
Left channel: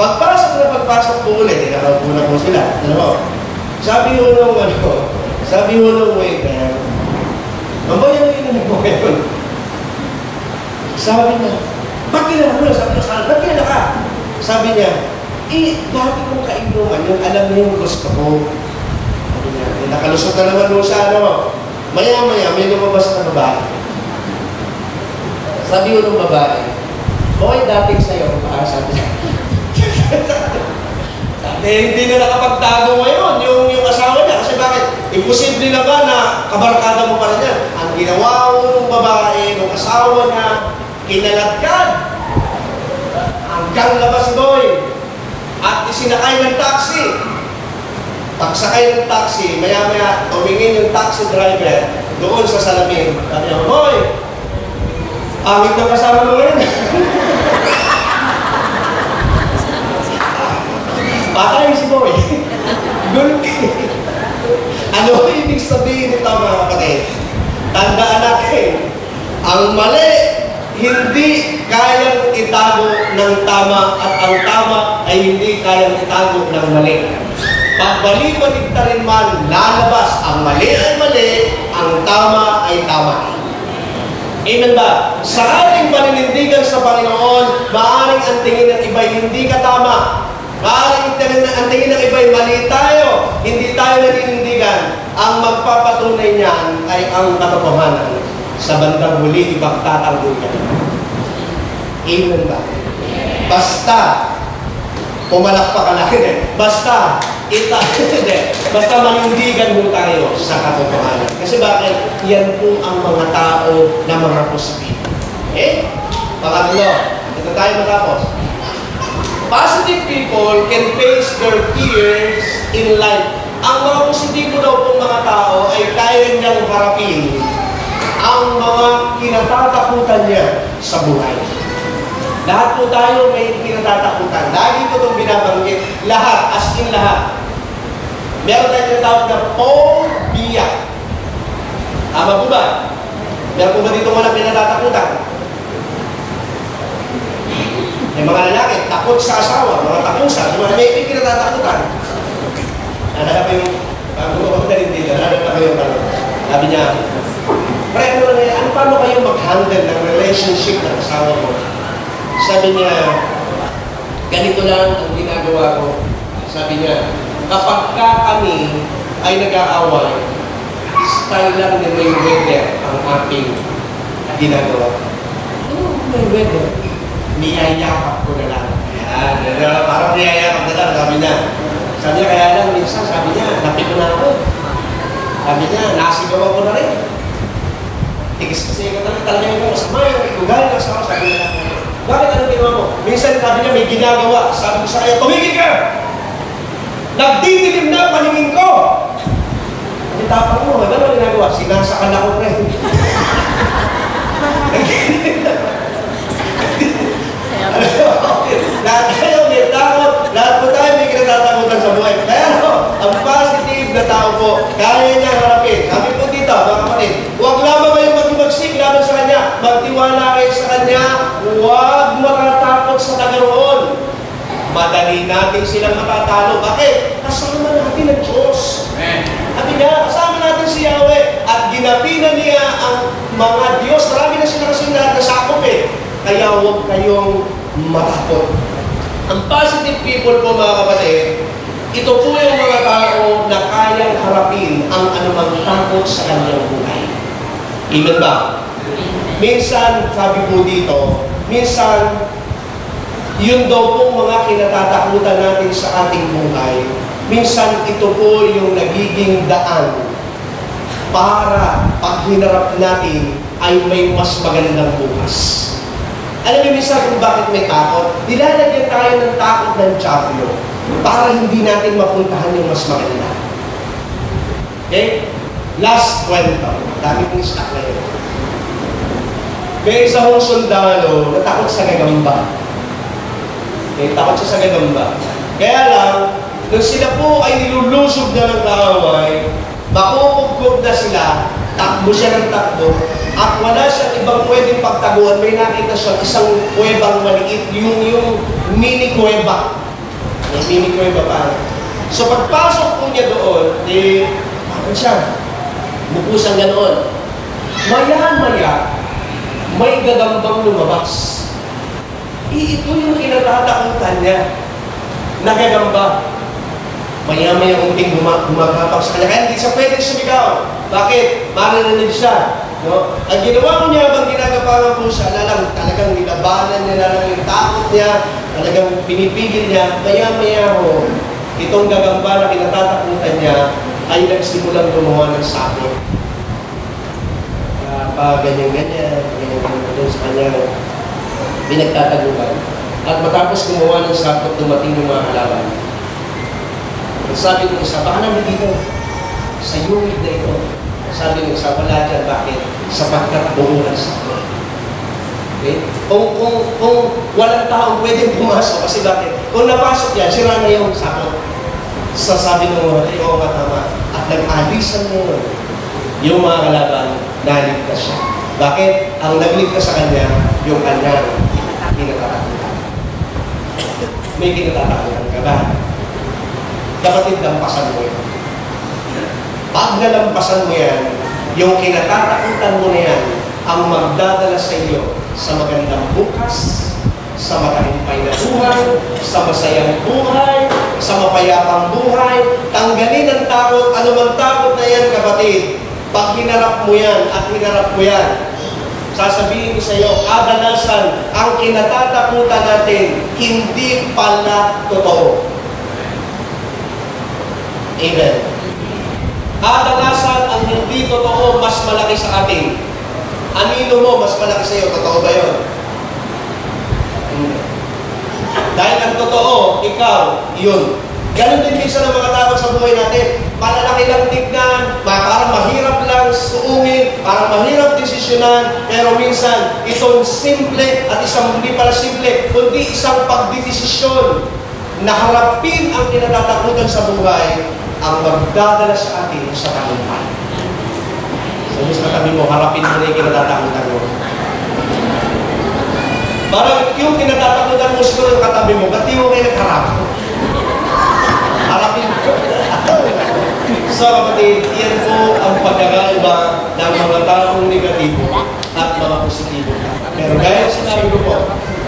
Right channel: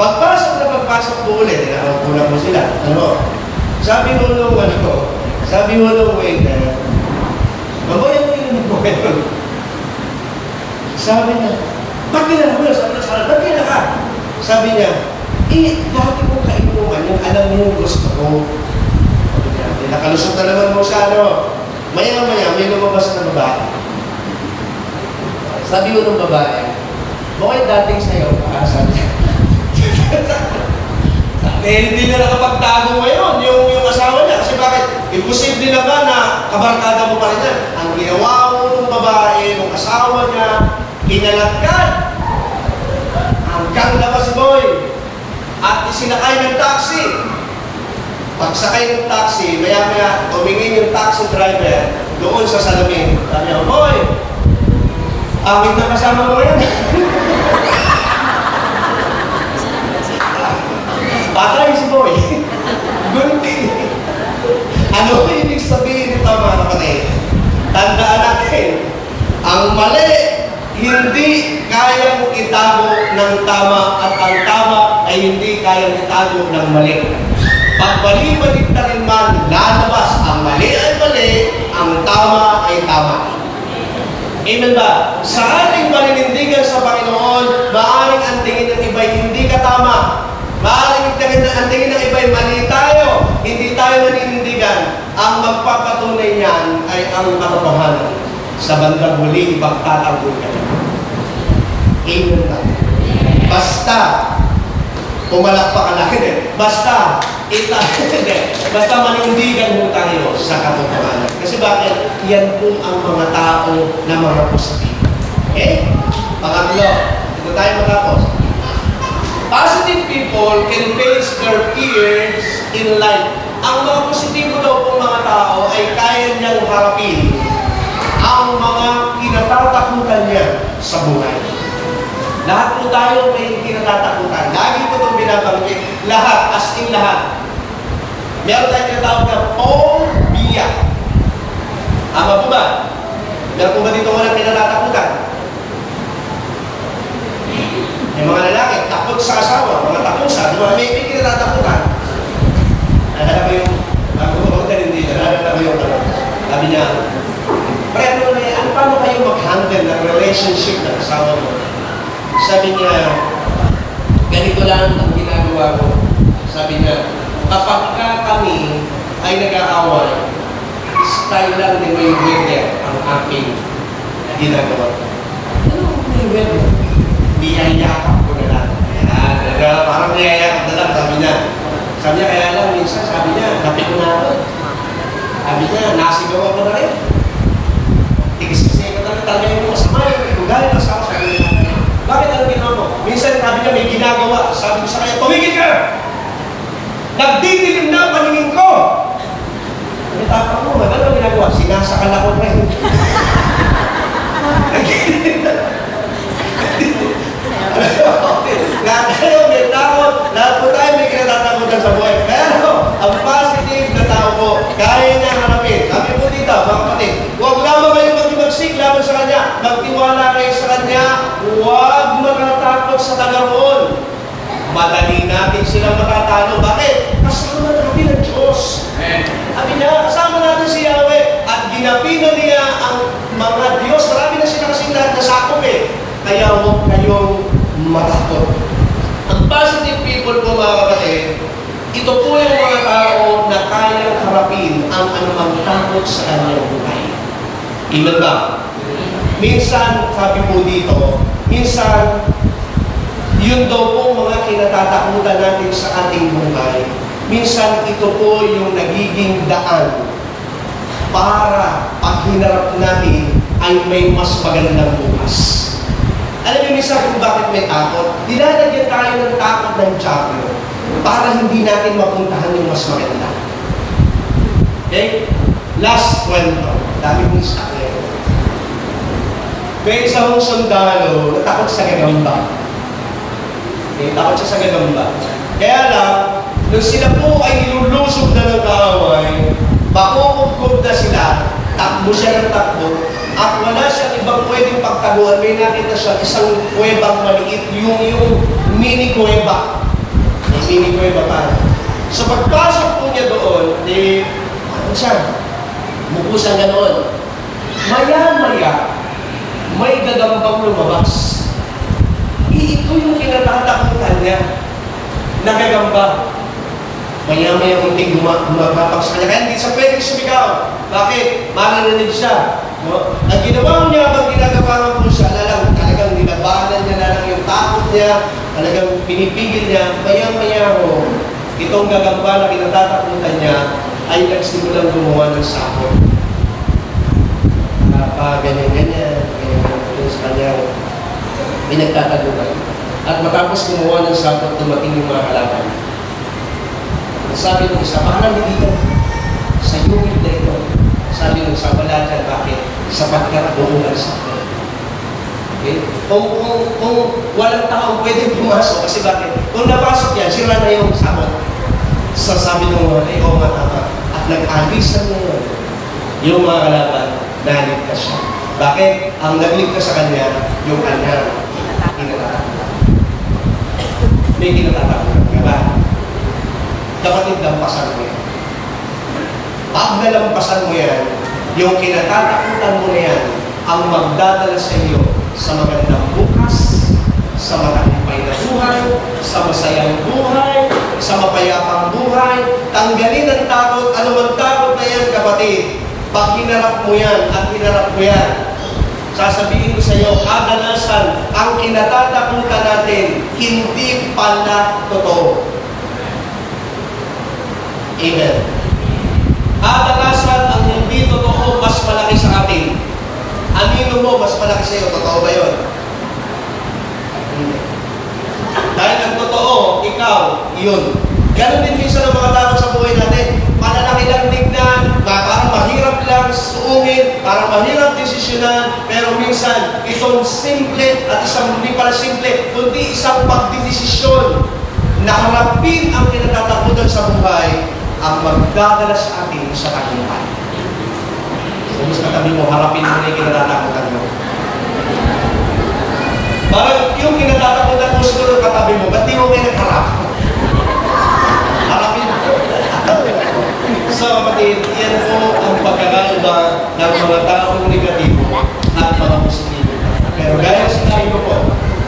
Pagpasok po ulit, nakaupo na po sila. Ano? Sabi mo nung, sabi mo nung waiter, Mamboy, ano yung mo ngayon? Sabi niya, ba't kinala mo? Ba't kinala ka? Sabi niya, dati kong kainuman, yung alam niyo yung gusto ko. Sabi niya, nakalusot na naman mo sa ano. Maya-maya, may lumabas na babae. Sabi ko ng babae, okay, dating sa'yo, sabi niya. Hindi na nakapagtago ngayon yung asawa niya. Kasi bakit? Imposible na ba na kabarkada mo pa rin yan? Ang ginawa mo ng babae, ng asawa niya, kinalatkad. Hanggang labas boy. At isinakay ng taxi. Pagsakay ng taxi, maya-maya, tumingin yung taxi driver doon sa salamin. Sabi niya, boy, angit na kasama mo ngayon. Patay si boy. Gunti. Ano ibig sabihin nito mga kapatid? Tandaan natin, ang mali hindi kayang itago ng tama at ang tama ay hindi kayang itago ng mali. Pag bali-balikta rin man lalabas, ang mali ay mali, ang tama ay tama. Amen ba? Sa ating paninindigan sa Panginoon, maaaring ang tingin ng iba'y hindi katama. Maaaring ang tingin ng iba'y mali tayo, hindi tayo naninindigan. Ang magpapatunay niyan ay ang katotohanan. Sa bandang huli, ipagtatanggol ka. Amen ba? Basta, pumalakpak ka lang. Basta, basta manindigan mo tayo sa katotohanan. Kasi bakit? Yan po ang mga tao na mga positive. Okay? Pangatlo, ito tayo matapos. Positive people can face their fears in life. Ang mga positibo daw pong mga tao ay kaya niyang harapin ang mga kinatatakutan niya sa buhay. Lahat po tayo may kinatatakutan. Lagi ko itong binabanggit. Lahat, as in lahat. Meron tayong tinatawag na phobia. Tama po ba? Meron po ba dito walang kinatatakutan? May mga lalaki, takot sa asawa, mga takusa, di ba? May kinatatakutan. Nahanap ko yung, bago ko magdalhin dito, nahanap ko yung sabi niya, pre, paano kayo mag-handle ng relationship ng asawa mo? Sabi niya, ganito lang ang ginagawa ko. Sabi niya, kapag kami ay nag-aaway, style lang ni Mayweather ang aking ginagawa. Ano Mayweather? Niyayakap ko na lang. Ayan, parang niyayakap na lang, sabi niya. Sabi niya, kaya lang, minsan, sabi niya, napi ko na ako. Sabi niya, nasigaw ako na rin. Tigis kasi ikaw talaga yung masama, yung itugal ng asawa, sabi niya. Bakit ano ginawa mo? Minsan, sabi niya, may ginagawa. Sabi ko sa kanya, tumigil ka! Nagdidilim na paningin ko! Ang tapang mo, ano ginagawa? Sinasakal ako, pre. Lahat tayo may takot, lahat po tayo may kinatatakutan sa buhay. Pero, ang positive na tao po, kaya niyang harapin. Sabi po dito, mga kapatid, huwag lamang kayo magsimagsik laban sa Kanya. Magtiwala kayo sa Kanya, huwag matatakot sa tagaroon. Madali natin silang matatalo. Bakit? Kasama natin ang Diyos. Sabi niya, kasama natin si Yahweh. At ginapinan niya ang mga Diyos. Marami na sila kasing lahat na sakop eh. Kaya huwag kayong matakot. Ang positive people po mga kapatid, ito po yung mga tao na kayang harapin ang anumang takot sa kanyang buhay. Amen ba? Minsan, sabi po dito, minsan, yun daw po mga kinatatakutan natin sa ating buhay. Minsan ito po yung nagiging daan para pag hinarap natin ay may mas magandang bukas. Alam niyo minsan kung bakit may takot? Nilalagyan tayo ng takot ng tiyablo para hindi natin mapuntahan yung mas maganda. Okay? Last kwento. Dami mong stock ngayon. May isang sundalo na takot sa gagamba. Okay? Takot siya sa gagamba. Kaya lang, nung sila po ay nilulusob na ng kaaway, makukugkob na sila, takbo siya ng takbo, at wala siyang ibang pwedeng pagtaguan. May nakita siya isang kuwebang maliit, yung mini kuweba. May mini kuweba pa. So pagpasok po niya doon, ano siya? Bukusan ganoon. Maya-maya, may gagambang lumabas. Ito yung kinatatakutan niya. Nagagamba. Maya-maya unting gumagapag sa kanya. Kaya hindi siya pwedeng sumigaw. Bakit? Maririnig siya. No? Ang ginawa niya habang ginagapangan po siya, talagang nilabanan niya na lang yung takot niya, talagang pinipigil niya, maya-maya ho, itong gagamba na kinatatakutan niya ay nagsimulang gumawa ng sakot. Ganyan-ganyan sa kanyang pinagtatagutan. At matapos gumawa ng sakot, dumating yung mga halaman. Sabi nung isa, baka nandito dito, sa yungid na ito. Sabi nung isa, wala dyan, bakit? Sapagkat bumungan sakot. Okay? Kung walang taong pwedeng pumasok, kasi bakit? Kung napasok yan, sira na yung sakot. Sabi nung mga, oo nga tama. At nag-alisan na yun. Yung mga kalaban, naligtas siya. Bakit? Ang nagligtas sa kanya, yung kanyang kinatatakutan. May kinatatakutan ka ba? Kapatid, lampasan mo yan. Pag nalampasan mo yan, yung kinatatakutan mo na yan, ang magdadala sa iyo sa magandang bukas, sa matagumpay na buhay, sa masayang buhay, sa mapayapang buhay. Tanggalin ang takot, anumang takot na yan, kapatid. Pag hinarap mo yan at hinarap mo yan, sasabihin ko sa iyo, kadalasan, ang kinatatakutan natin, hindi pala totoo. Amen. Kadalasan, ang hindi totoo, mas malaki sa atin. Anino mo, mas malaki sa iyo. Totoo ba yun? Dahil ang totoo, ikaw, yun. Ganon din minsan ang mga tao sa buhay natin. Malalaki lang tignan, parang mahirap lang suungin, parang mahirap desisyonan, pero minsan, itong simple at isang hindi pala simple, kundi isang pagdidesisyon na harapin ang kinatatakutan sa buhay, ang magdadala sa atin sa tagumpay. So, sa katabi mo, harapin mo na yung kinatatakutan mo. Parang yung kinatatakutan mo siguro katabi mo, ba't di mo kayo nagharap? Harapin mo. So, kapatid, yan po ang pagkakaiba ng mga taong negatibo at mga positibo. Pero gaya sinabi ko po,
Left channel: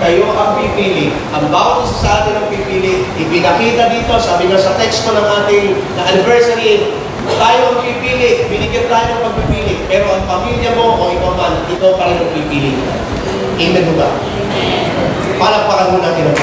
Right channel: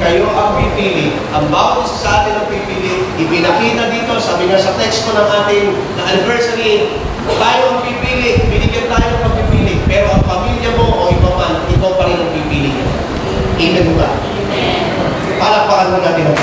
kayo ang pipili. Ang bawat isa sa atin ang pipili. Ipinakita dito, sabi nga sa text ko ng ating anniversary, tayo ang pipili. Binigyan tayo ng pagpipili. Pero ang pamilya mo o ikaw man, ikaw pa rin ang pipili. Amen ba? Palakpakan mo natin ang